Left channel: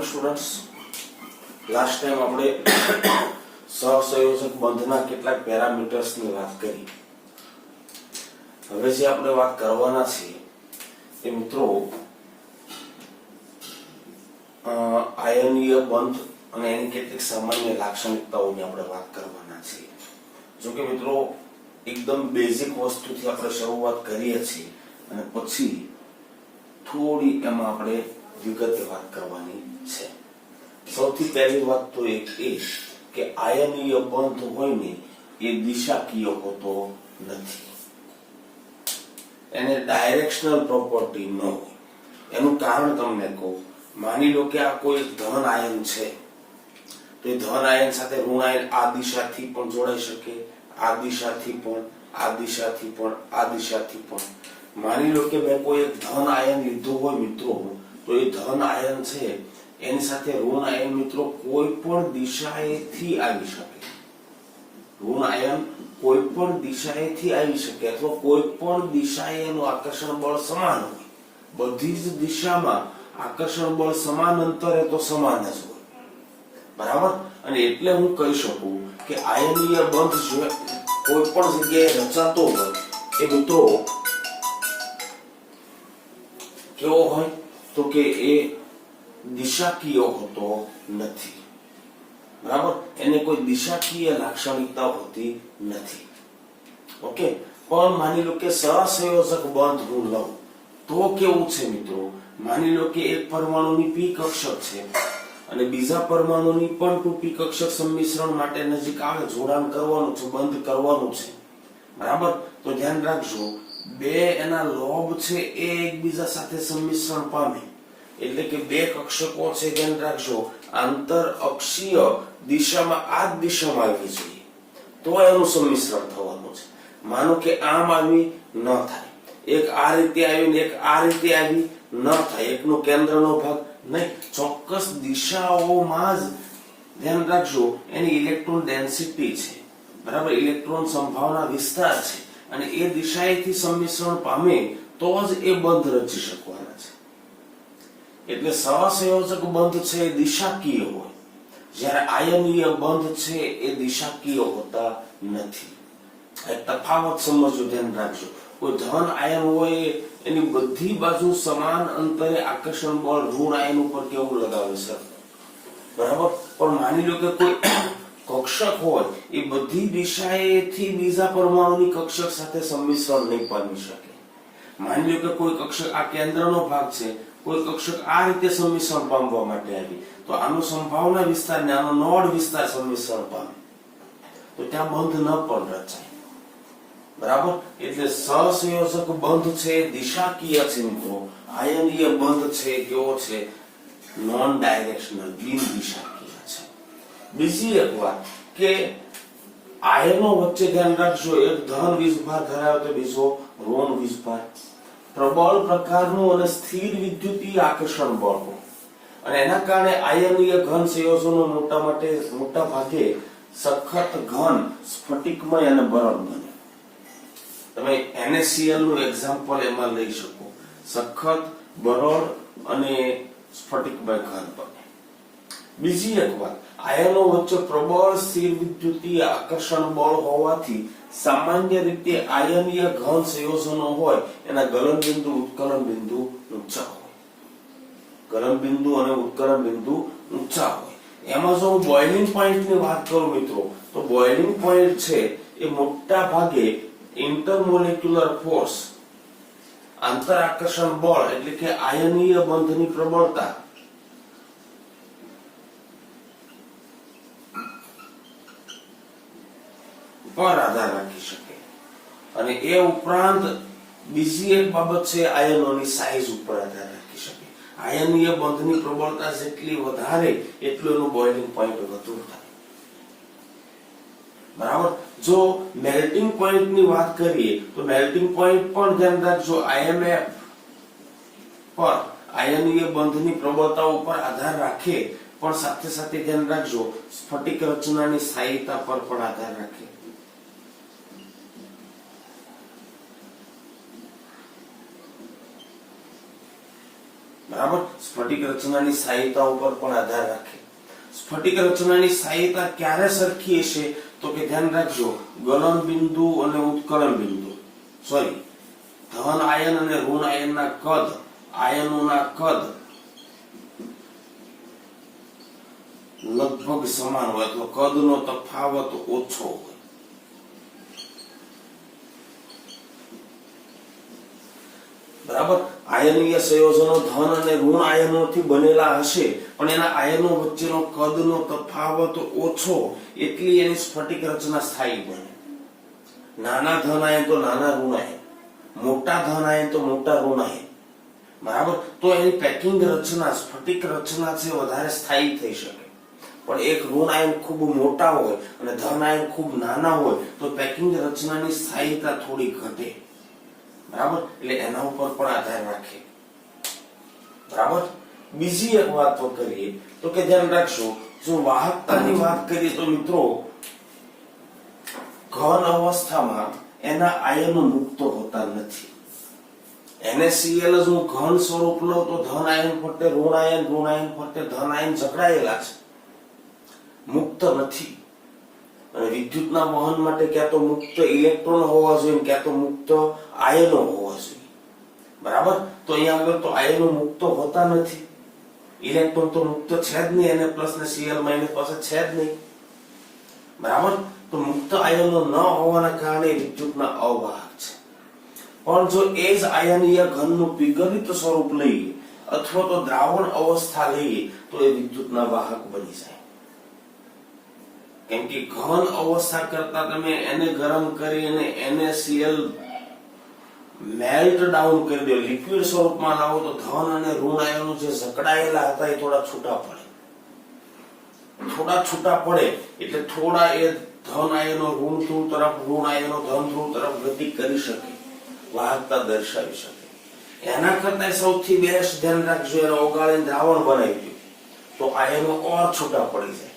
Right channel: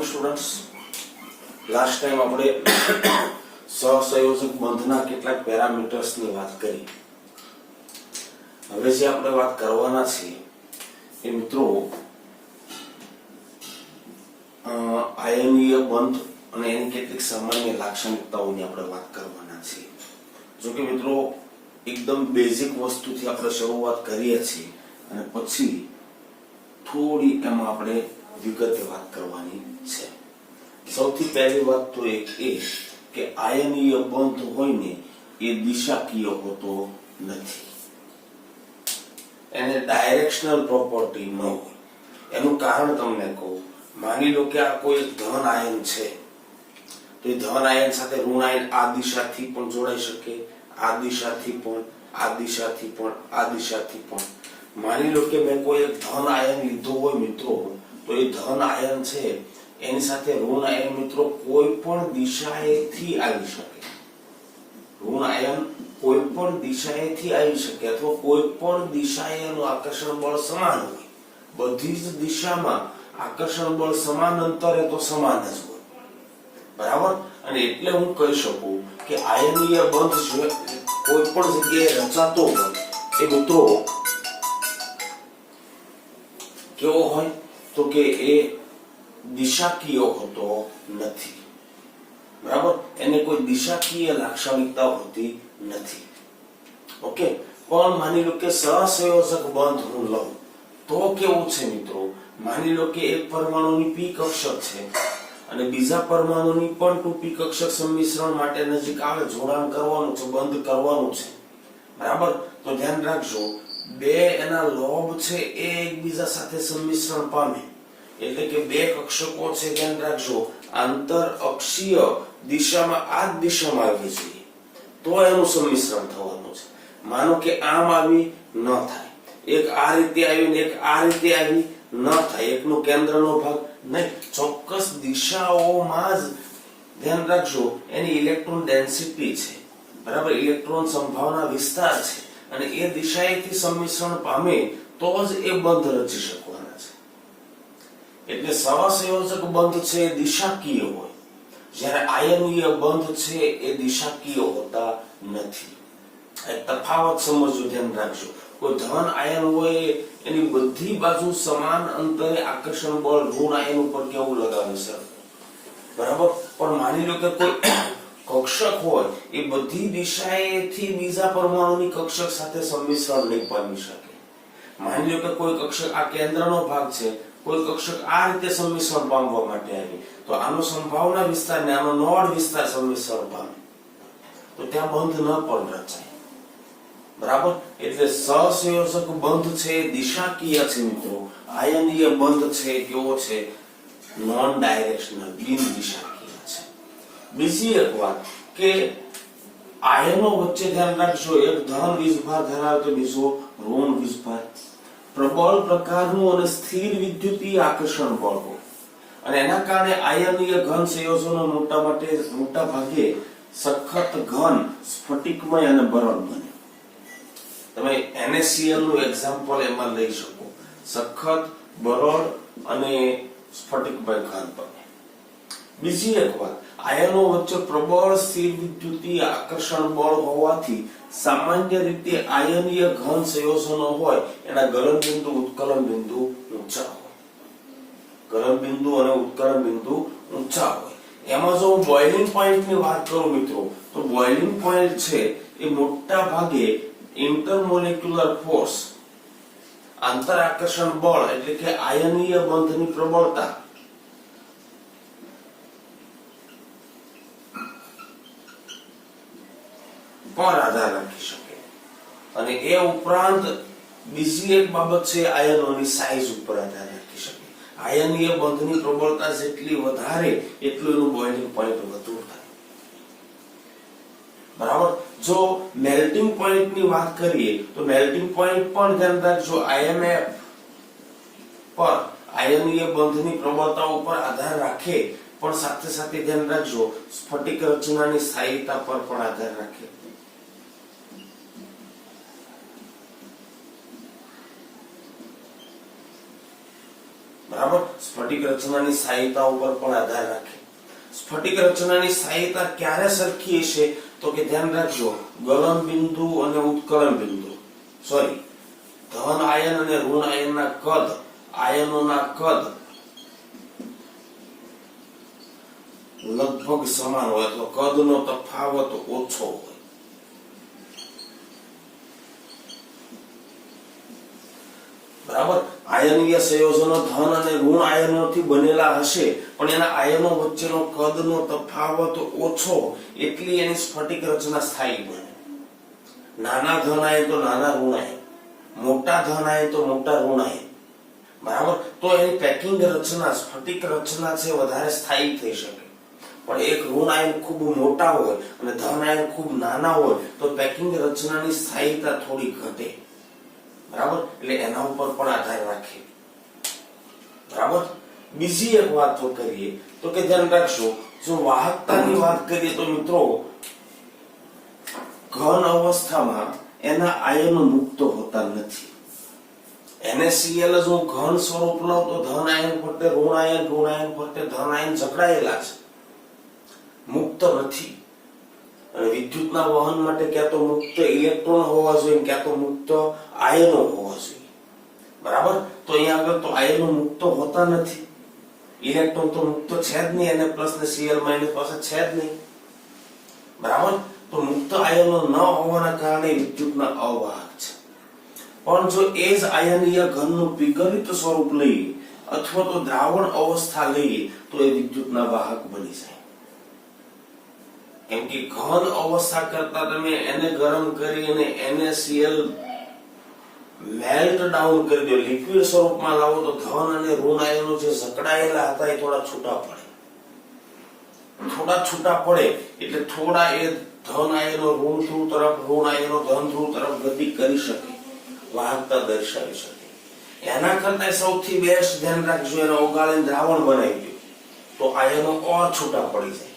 Morning students. Last time આપણે સહસંયોજક બંધના કેટલાક પેરામીટર્સની વાત કરી. હવે જે આપણે વાત કરવાના છીએ એ મિત્રો આયનીય બંધ અને એની કેટલીક સામાન્ય લાક્ષણિકતાઓની આપણે વાત કરવાના છીએ. જો કે મિત્રો એકદમ બેઝિક વસ્તુથી આપણે શરૂઆત કરીએ છીએ અને પછી થોડી એમાં આપણે વિગતે વાત કરવાની છે. સૌથી પહેલી વાત તો એક એ કે આયનીય બંધ હોય ને એ દિશાકીય હોતો નથી, એને ડાયરેક્શનલ પ્રોપર્ટી ન હોય. એનું કારણ તમને કહું. માની લો કે આ કોઈ ધન આયન છે, તો એ ધન આયન સાથે ઋણ આયન આ દિશાથી પણ જોડાઈ શકે, આ દિશાથી પણ, આ દિશાથી પણ, આ દિશાથી પણ. માની લો કે મેં કોઈ એક ધન આયન લીધું હોય મિત્રો, તો એ ધન આયન છે એની સાથે ઋણ આયન મિત્રો કોઈ પણ દિશાએથી આવી શકે. ઋણ આયન કોઈ પણ દિશાએથી આવી શકે અથવા કોઈ પણ દિશાએ એનું આકર્ષણ બળ સમાન હોય. બધી જ દિશામાં આકર્ષણ બળ સમાન અંતરે તો સમાન જ હોય, બરાબર. અને એટલે હું કહી શકું કે આયનીય બંધ જે કોઈ પણ જગ્યાએ રચાતો હોય એ મિત્રો કેવો હોય તો કે એ દિશાકીય હોતો નથી, બરાબર. એને કોઈ દિશાકીય લાક્ષણિકતા હોતી નથી. ઓકે. પણ માની લો કે સહસંયોજક બંધ હું લઉં તો કેવું છે મિત્રો? માની લો કે એક પરમાણુની પી કક્ષક છે અને બીજા પરમાણુની પણ 2p કક્ષક સંમિશ્રણ માટે નજીક આવે, જોડાણ કરવાનું છે, બંધ કરવાનું છે, બરાબર. તો ધ્યાન રાખજો, બે એના લોબ છે એ એકબીજા સાથે સંમિશ્રણ પામે એટલે કે બે કક્ષકો છે, ધ્યાન રાખજો, આંતર અક્ષીય દિશામાં આ જ દિશામાં આવી જોઈએ તો એનું સંમિશ્રણ થવાનું છે. માનો કે આમ આવી ન થાય, એક આ રીતે આવી ને એક આ રીતે આવી ન થાય, એકનો કેન્દ્રનો ભાગ નહીં, ચોક્કસ દિશાઓમાં જ ધ્યાન રાખજો એની ઇલેક્ટ્રોન ડેન્સિટી છે, બરાબર, ઇલેક્ટ્રોન સંભાવના વિસ્તાર છે અને એ દિશાએથી સંમિશ્રણ પામે તો જ એ બંધ રચી શકવાના છે. એટલે સહસંયોજક બંધ છે એ દિશાકીય હોય, જ્યારે આયનીય બંધ છે એ દિશાકીય હોતા નથી. એક તફાવત સમજજો, ધ્યાન રાખજો. કોઈ ધન આયન હોય એની બધી બાજુ સમાન અંતરે આકર્ષણ બળ ઋણ આયન ઉપર કેવું લગાવે છે, બરાબર. પણ માની લો કે કોઈ કક્ષક હોય એ બધી દિશાએથી બીજા પરમાણુની કક્ષક સાથે સંમિશ્રણ નહીં પામી શકે. માની લો કે કોઈ કક્ષક આ કેન્દ્રનો ભાગ છે, કોઈ કક્ષક આ રીતે સંમિશ્રણ પામવા માટે આવી, તો આનો સંભાવના વિસ્તાર ને આનો નોડ વિસ્તાર સંમિશ્રણ પામે તો ત્યાં બંધ ન પણ રચાય, બરાબર. એટલે સહસંયોજક બંધ છે દિશાકીય છે મિત્રો, આયનીય બંધ છે કેવો છે? નોન ડાયરેક્શનલ, બિન દિશાકીય છે. બીજી એક વાત કે આયનો વચ્ચે ધ્યાન રાખજો, એક ધન વીજભાર ધરાવે તો બીજો ઋણ વીજભાર. પ્રબળ પ્રકારનું અને સ્થિર વિદ્યુતીય આકર્ષણ બળ હોય અને એના કારણે આયનીય ઘન સંયોજનો મોટા ભાગે સખત ઘન, સ્ફટિકમય અને બરડ બને. તમે NaCl નું એક્ઝામ્પલ એમાં લઈ શકો. સખત, બરડ અને સ્ફટિકમય ઘન બને. બીજી એક વાત, આયનો વચ્ચે પ્રબળ સ્થિર વિદ્યુતીય આકર્ષણ બળ હોવાથી સામાન્ય રીતે આયનીય ઘન સંયોજનો હોય એના ગલન બિંદુ, ઉત્કલન બિંદુ ઊંચા હોય. ગલન બિંદુ અને ઉત્કલન બિંદુ ઊંચા હોય. એમાં જો હું બોઇલિંગ પોઈન્ટ ની વાત કરું મિત્રો, તો બોઇલિંગ પોઈન્ટ છે એ મોટા ભાગે ઇન્ટરમોલેક્યુલર ફોર્સ, આંતર આકર્ષણ બળ એટલે કે આયનીય બંધની પ્રબળતા પર આધાર રાખી શકે. અને એ ઉપરાંત બીજી એક બાબત છે આયનોની સાઈઝ ઉપર આધાર રાખી શકે. આયનીય બંધની પ્રબળતા જેટલી વધારે એટલું એનું બોઇલિંગ પોઈન્ટ વધુ થાય, બરાબર. જો મેલ્ટિંગ પોઈન્ટ ની વાત કરીએ તો મેલ્ટિંગ પોઈન્ટ પણ ધ્યાન રાખજો IMF પર આયનીય બંધની પ્રબળતા ઉપર આધાર રાખે, પણ સાથે સાથે ધ્યાન રાખજો સ્ફટિક રચનાની સ્થાયીતા પર પણ આધાર રાખે. બરાબર. સ્ફટિક રચનાની સ્થાયીતા ઉપર પણ આધાર રાખે. સ્ફટિક રચનાની સ્થાયીતા ક્યારે સરખી હશે તો કે ધ્યાન રાખજો, ગલન બિંદુ અને ઉત્કલન બિંદુ, સોરી, ધન આયન અને ઋણ આયનના કદ, આયનોના કદ લગભગ સમાન હોય, તો કદનો તફાવત ઓછો હોય. બરાબર. આયનીય સંયોજનો ધન અને ઋણ આયનોથી બનેલા હશે, પણ એના આયનો વચ્ચેનો કદનો તફાવત ઓછો, એટલી એની સ્ફટિક રચના સ્થાયી બને. નાના ધન આયન તો નાના ઋણ આયન, મોટા ધન આયન તો મોટા ઋણ આયન. બરાબર. તો એની પેકિંગ રચના, સ્ફટિક રચના છે વધારે સ્થાયી થઈ શકે. પણ એક ઋણ આયન ખૂબ મોટા હોય અને ધન આયન ખૂબ નાના હોય તો પેકિંગ રચનાની સ્થાયીતા થોડી ઘટે. બરાબર. એટલે એના ઉપર પણ આધાર રાખે. બરાબર. બીજી એક વાત તો કરીએ તો કે ધ્યાન રાખજો, જો વાહકતાની વાત કરીએ તો મિત્રો ઘન અવસ્થામાં એના આયનો મુક્ત હોતા નથી. NaCl જો ઘન સ્વરૂપ લઉં તો ધન આયન ફરતે ઋણ આયન ફરતે ધન આયન જકડાયેલા છે, મુક્ત નથી. અને વિદ્યુતના વહન માટે ક્યાં તો મુક્ત ઇલેક્ટ્રોન હોવા જોઈએ, ક્યાં તો મુક્ત આયનો હોવા જોઈએ. બરાબર. તો અહીંયા આગળ તો આયનો મુક્ત હોતા નથી, ઇલેક્ટ્રોન તો મુક્ત છે જ નહીં, એને પ્લસ ને Cl માઇનસ પાસે છે જ નહીં. બરાબર. તો મુક્ત આયનો ન હોવાના કારણે વિદ્યુતના અવાહક છે. પણ જો એ જ આયનીય ઘનનું પીગલિત સ્વરૂપ લઈએ અથવા તો દ્રાવણ અવસ્થા લઈએ તો એ વિદ્યુતના વાહક બની જાય. કેમ કે ઘન અવસ્થા કરતા તમે એને ગરમ કરી અને NaCl મેલ્ટ ડાઉન કરી દો, લિક્વિડ સ્વરૂપમાં લાવો તો ધન અને ઋણ આયનો જે જકડાયેલા હતા એ થોડા છૂટા પડે. એટલે થોડા એ ધન આયનો ઋણ ધ્રુવ તરફ, ઋણ આયનો ધન ધ્રુવ તરફ ગતિ કરી શકે, વાહકતા દર્શાવી શકે. એના કરતા સૌથી બેસ્ટ ધ્યાન રાખજો, એને ઓગાળીને દ્રાવણ બનાવી દો તો આયનો ઓર છૂટા પડી જાય,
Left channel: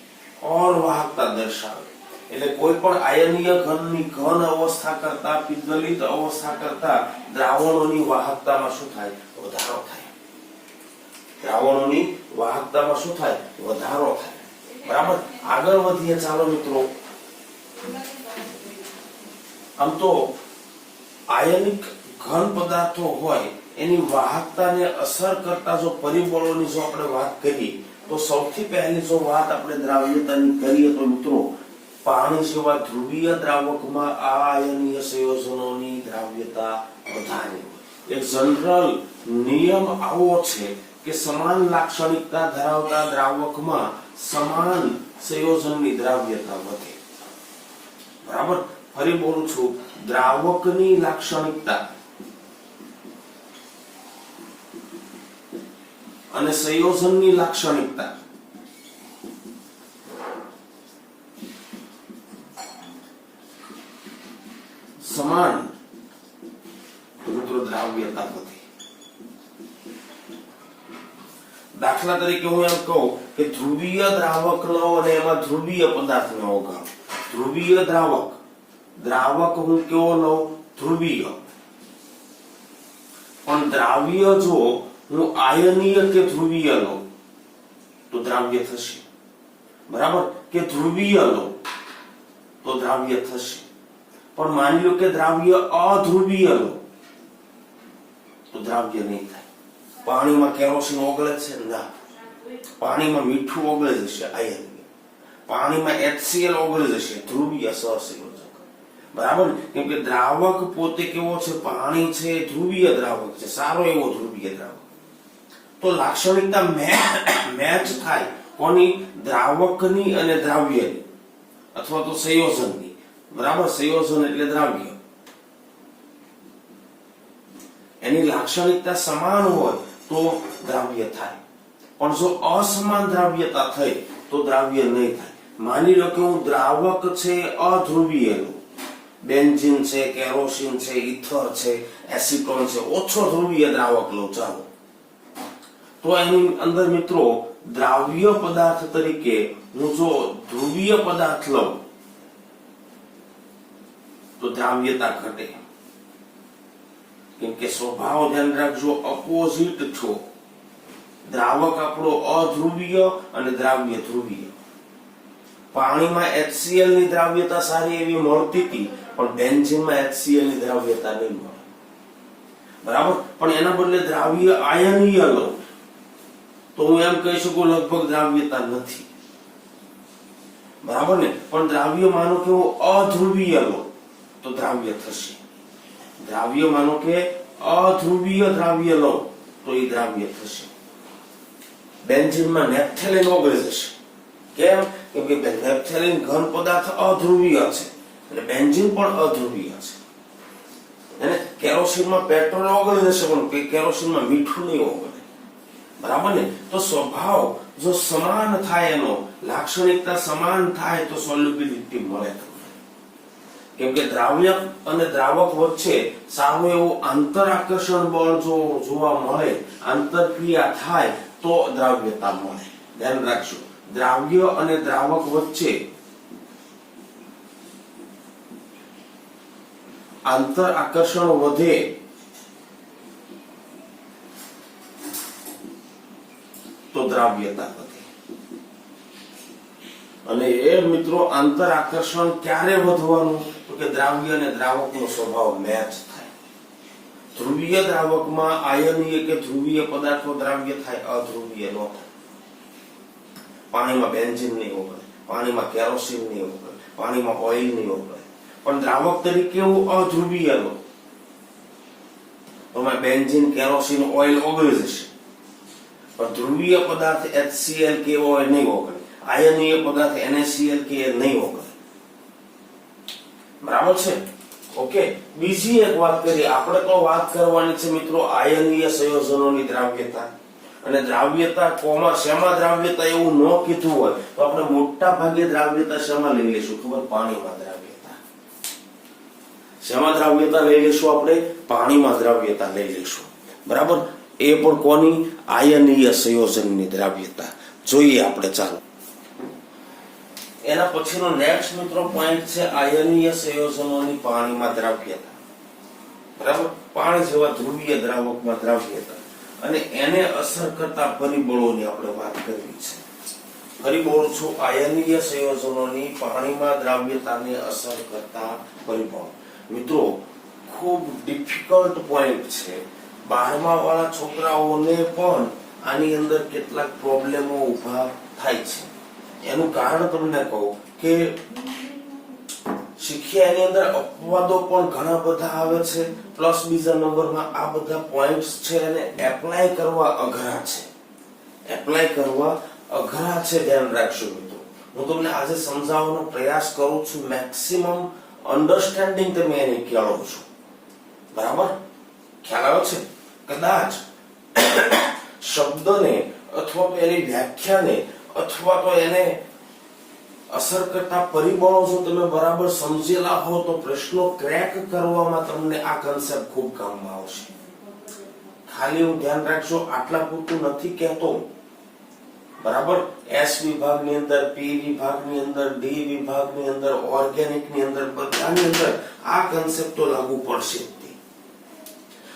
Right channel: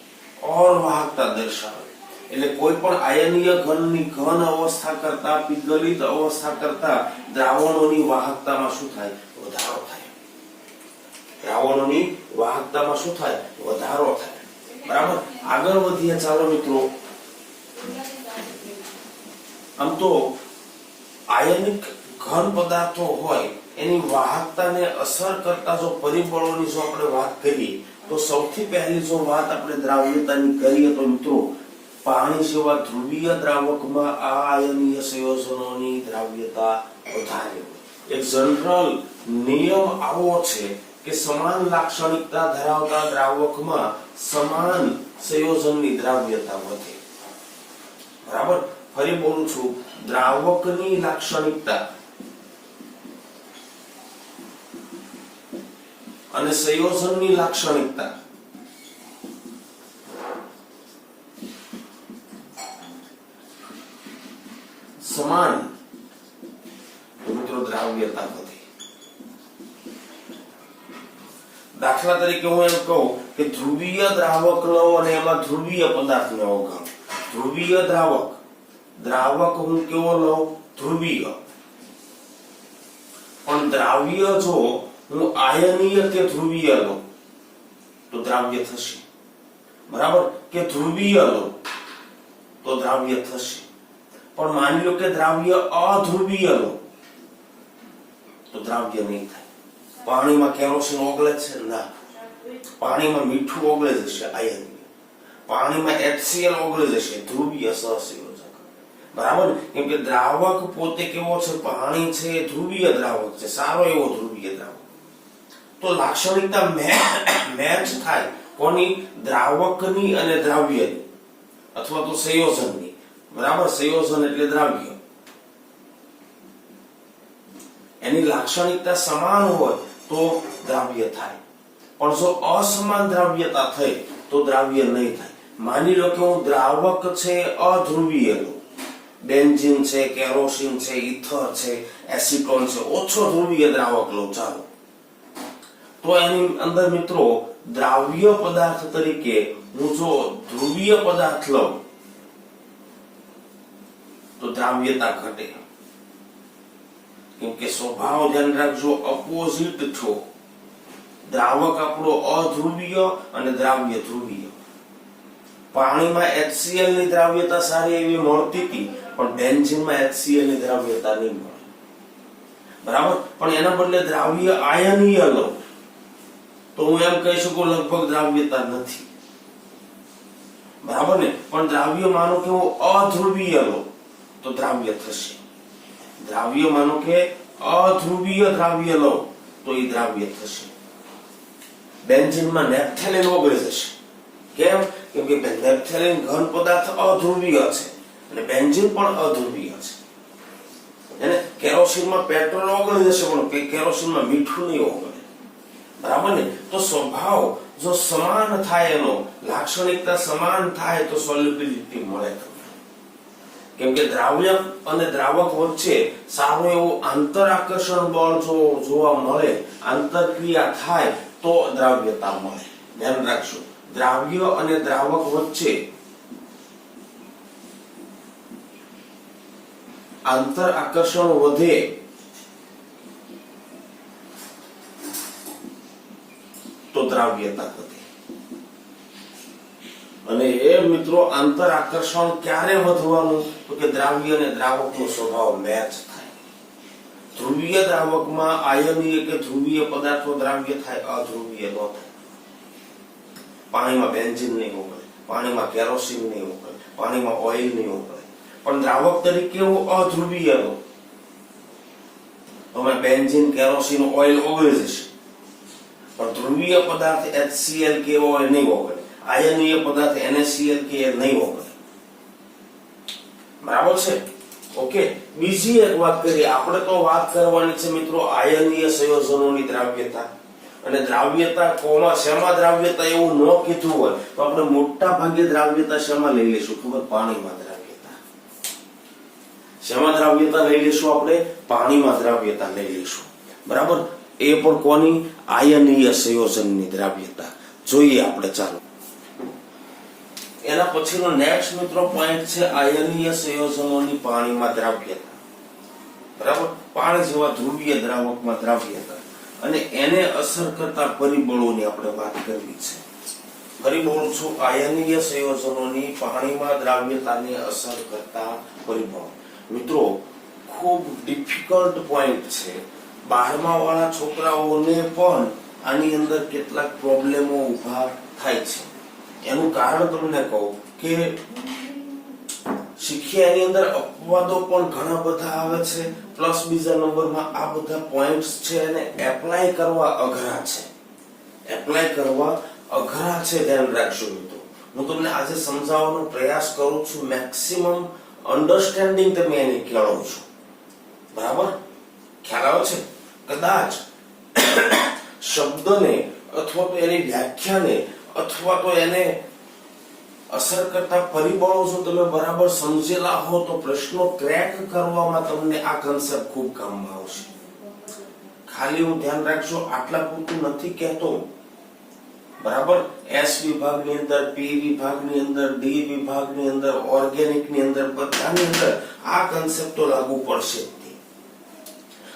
ઓર વાહકતા દર્શાવે. એટલે કોઈ પણ આયનીય ઘનની ઘન અવસ્થા કરતા, પીગલિત અવસ્થા કરતા દ્રાવણોની વાહકતામાં શું થાય? વધારો થાય. દ્રાવણોની વાહકતામાં શું થાય? વધારો થાય. બરાબર. આગળ વધીએ ચાલો મિત્રો. આમ તો આયનિક ઘન પદાર્થો હોય એની વાહકતાને અસર કરતા જો પરિબળોની જો આપણે વાત કરીએ તો સૌથી પહેલી જો વાત આપણે દ્રાવ્યતાની કરીએ તો મિત્રો પાણી સિવાય ધ્રુવીય દ્રાવકમાં આ આયનીય સંયોજનોની દ્રાવ્યતા વધારે. એક જનરલ નિયમ આવો છે કે સમાન લાક્ષણિકતા ધરાવતા દ્રાવકમાં સમાન સંયોજનની દ્રાવ્યતા વધે. બરાબર. ફરી બોલું છું, દ્રાવકની લાક્ષણિકતા અને સંયોજનની લાક્ષણિકતા સમાન તો મિત્રો દ્રાવ્યતા વધે. દાખલા તરીકે હું એમ કહું કે ધ્રુવીય દ્રાવક લો અને એમાં ધ્રુવીય પદાર્થ નો ઓગાળો. ધ્રુવીય દ્રાવક હું કેવો લઉં? ધ્રુવીય. પણ દ્રાવ્ય જો હું આયનીય કે ધ્રુવીય લઉં તો દ્રાવ્ય થશે. બરાબર. કે ધ્રુવીય લો તો દ્રાવ્ય થશે. પણ માની લો કે દ્રાવ્ય અધ્રુવીય લો તો દ્રાવ્ય નહીં થાય. પાણીમાં કેરોસીન ઓગળે છે? ના. પાણીમાં મીઠું ઓગળી જશે, આયન. પાણીમાં HCl ઓગળી જશે, ધ્રુવીય સહસંયોજક. બરાબર. કેમ કે દ્રાવક પોતે કેવો છે? પાણી છે, ધ્રુવીય દ્રાવક છે, સારો એવો ધ્રુવીય દ્રાવક. તો લાક્ષણિકતા મેચ થાય કોની? દ્રાવકની અને દ્રાવ્યની અથવા તો સંયોજનની. બરાબર. સંયોજન એટલે દ્રાવ્ય. એની લાક્ષણિકતા સમાન હોય તો દ્રાવ્ય થાય. પણ જો અસમાન દ્રાવ્યતા થઈ તો દ્રાવ્ય નહીં થાય. માની લો કે હું દ્રાવક છે અધ્રુવીય લો, બેન્ઝીન છે, કેરોસીન છે, ઇથર છે, એસિટોન છે, ઓછો ધ્રુવીય દ્રાવક લો ચાલો, તો એની અંદર મિત્રો દ્રાવ્ય પદાર્થ તરીકે હું જો ધ્રુવીય પદાર્થ લઉં તો દ્રાવ્યતા ઘટે. કેમ કે સ્વભાવ ધ્યાન રાખજો, અપોઝિટ છો. દ્રાવક આપણો અધ્રુવીય અને દ્રાવ્ય ધ્રુવીય. પાણીમાં HCl ની દ્રાવ્યતા સારી એવી મળતી હતી, પણ બેન્ઝીનમાં HCl ની દ્રાવ્યતા નહીં મળે. બરાબર. પણ એના બદલે દ્રાવ્ય આયનીય લો તો હું એમ કહી શકું લગભગ દ્રાવ્યતા નથી. બરાબર ને. પણ દ્રાવ્ય માનો કે હું અધ્રુવીય લો તો દ્રાવ્ય થશે. દ્રાવ્ય માનો કે અધ્રુવીય દ્રાવ્ય લો તો એ દ્રાવ્ય થશે. બેન્ઝીનમાં નેપ્થેલિન ઓગળી જશે. કેમ? કેમ કે નેપ્થેલિન ઘન પદાર્થ અધ્રુવીય છે એટલે બેન્ઝીન પણ અધ્રુવીય છે. અને કેરોસીનમાં પેટ્રોલ ઓગળી જશે પણ કેરોસીનમાં મીઠું નહીં ઓગળે. બરાબર ને. તો સ્વભાવ જો સમાન થાય, એનો લાક્ષણિકતા સમાન થાય તો સોલ્યુબિલિટી મળે. કેમ કે દ્રાવ્ય અને દ્રાવક વચ્ચે સારું એવું આંતર આકર્ષણ બળ જો જોવા મળે, આંતરક્રિયા થાય તો દ્રાવ્યતા મળે. ધ્યાન રાખજો, દ્રાવ્ય અને દ્રાવક વચ્ચે આંતર આકર્ષણ વધે તો દ્રાવ્યતા વધે. અને એ મિત્રો આંતર આકર્ષણ ક્યારે વધવાનું? તો કે દ્રાવ્ય અને દ્રાવકનો સ્વભાવ મેચ થાય. ધ્રુવીય દ્રાવકમાં આયનીય કે ધ્રુવીય પદાર્થો દ્રાવ્ય થાય, અધ્રુવીય ન થાય. પાણીમાં બેન્ઝીન નહીં ઓગળે, પાણીમાં કેરોસીન નહીં ઓગળે, પાણીમાં ઓઇલ નહીં ઓગળે. પણ દ્રાવક તરીકે એવું અધ્રુવીય લો તો બેન્ઝીન, કેરોસીન, ઓઇલ ઓગળી જશે. પણ ધ્રુવીય પદાર્થ HCl કે ઓઇલ નહીં ઓગળે. આયનીય પદાર્થ NaCl કે નહીં ઓગળે. બરાબર છે. ઓકે. બીજી એક વાત કરીએ. આપણે તો વાત કરવાની છે મિત્રો આયનીય સંયોજનોની દ્રાવ્યતા અને દ્રાવ્યતા કોમાં શેમાં દ્રાવ્યતા એવું ન કીધું હોય તો આપણે મોટા ભાગે દ્રાવ્યતા શેમાં લઈ લેશું? ખબર? પાણીમાં દ્રાવ્યતા. શેમાં દ્રાવ્યતા લઈ લેશું? આપણે પાણીમાં દ્રાવ્યતા લઈ લેશું. બરાબર. એ પણ કોની? આયનીય સંયોજનની દ્રાવ્યતા. જોઈએ આપણે. ચાલો એના પછીનો નેક્સ્ટ મિત્રો પોઈન્ટ છે આયનીય સંયોજનોની પાણીમાં દ્રાવ્યતા. બરાબર. પાણી જેવા ધ્રુવીય દ્રાવકમાં દ્રાવ્યતા અને એને અસર કરતા પરિબળોની આપણે વાત કરવી છે. પરિબળો છું આયનીય સંયોજનોની પાણીમાં દ્રાવ્યતાને અસર કરતા પરિબળો. મિત્રો ખૂબ ડિફિકલ્ટ પોઈન્ટ છે. 12મા વાળા છોકરાઓને પણ આની અંદર કેટલાક પ્રોબ્લેમો ઉભા થાય છે. એનું કારણ તમને કહું કે શીખ્યા એની અંદર અપવાદો પણ ઘણા બધા આવે છે, પ્લસ બીજા નંબરમાં આ બધા પોઈન્ટ્સ છે એને એપ્લાય કરવા અઘરા છે. એપ્લાય કરવા અઘરા છે. ધ્યાન રાખજો મિત્રો. હું તમને આજે સમજાવવાનો પ્રયાસ કરું છું. મેક્સિમમ અન્ડરસ્ટેન્ડિંગ તમે એની કેળવો છો. બરાબર. ખ્યાલ આવે છે? કદાચ શબ્દને અથવા તો એની વ્યાખ્યાને અથવા તો એને અસર કરતા પરિબળો જો તમે બરાબર સમજેલા હો તો પ્રશ્નો ક્રેક કરવામાં તમને આ કન્સેપ્ટ ખૂબ કામમાં આવશે. ખાલી હું ધ્યાન રાખજો, આટલા પૂરતું નથી કહેતો. બરાબર. S વિભાગની અંદર, P વિભાગની અંદર, D વિભાગની અંદર, ઓર્ગેનિકની અંદર, બધાની અંદર આ કન્સેપ્ટ તો લાગુ પડશે.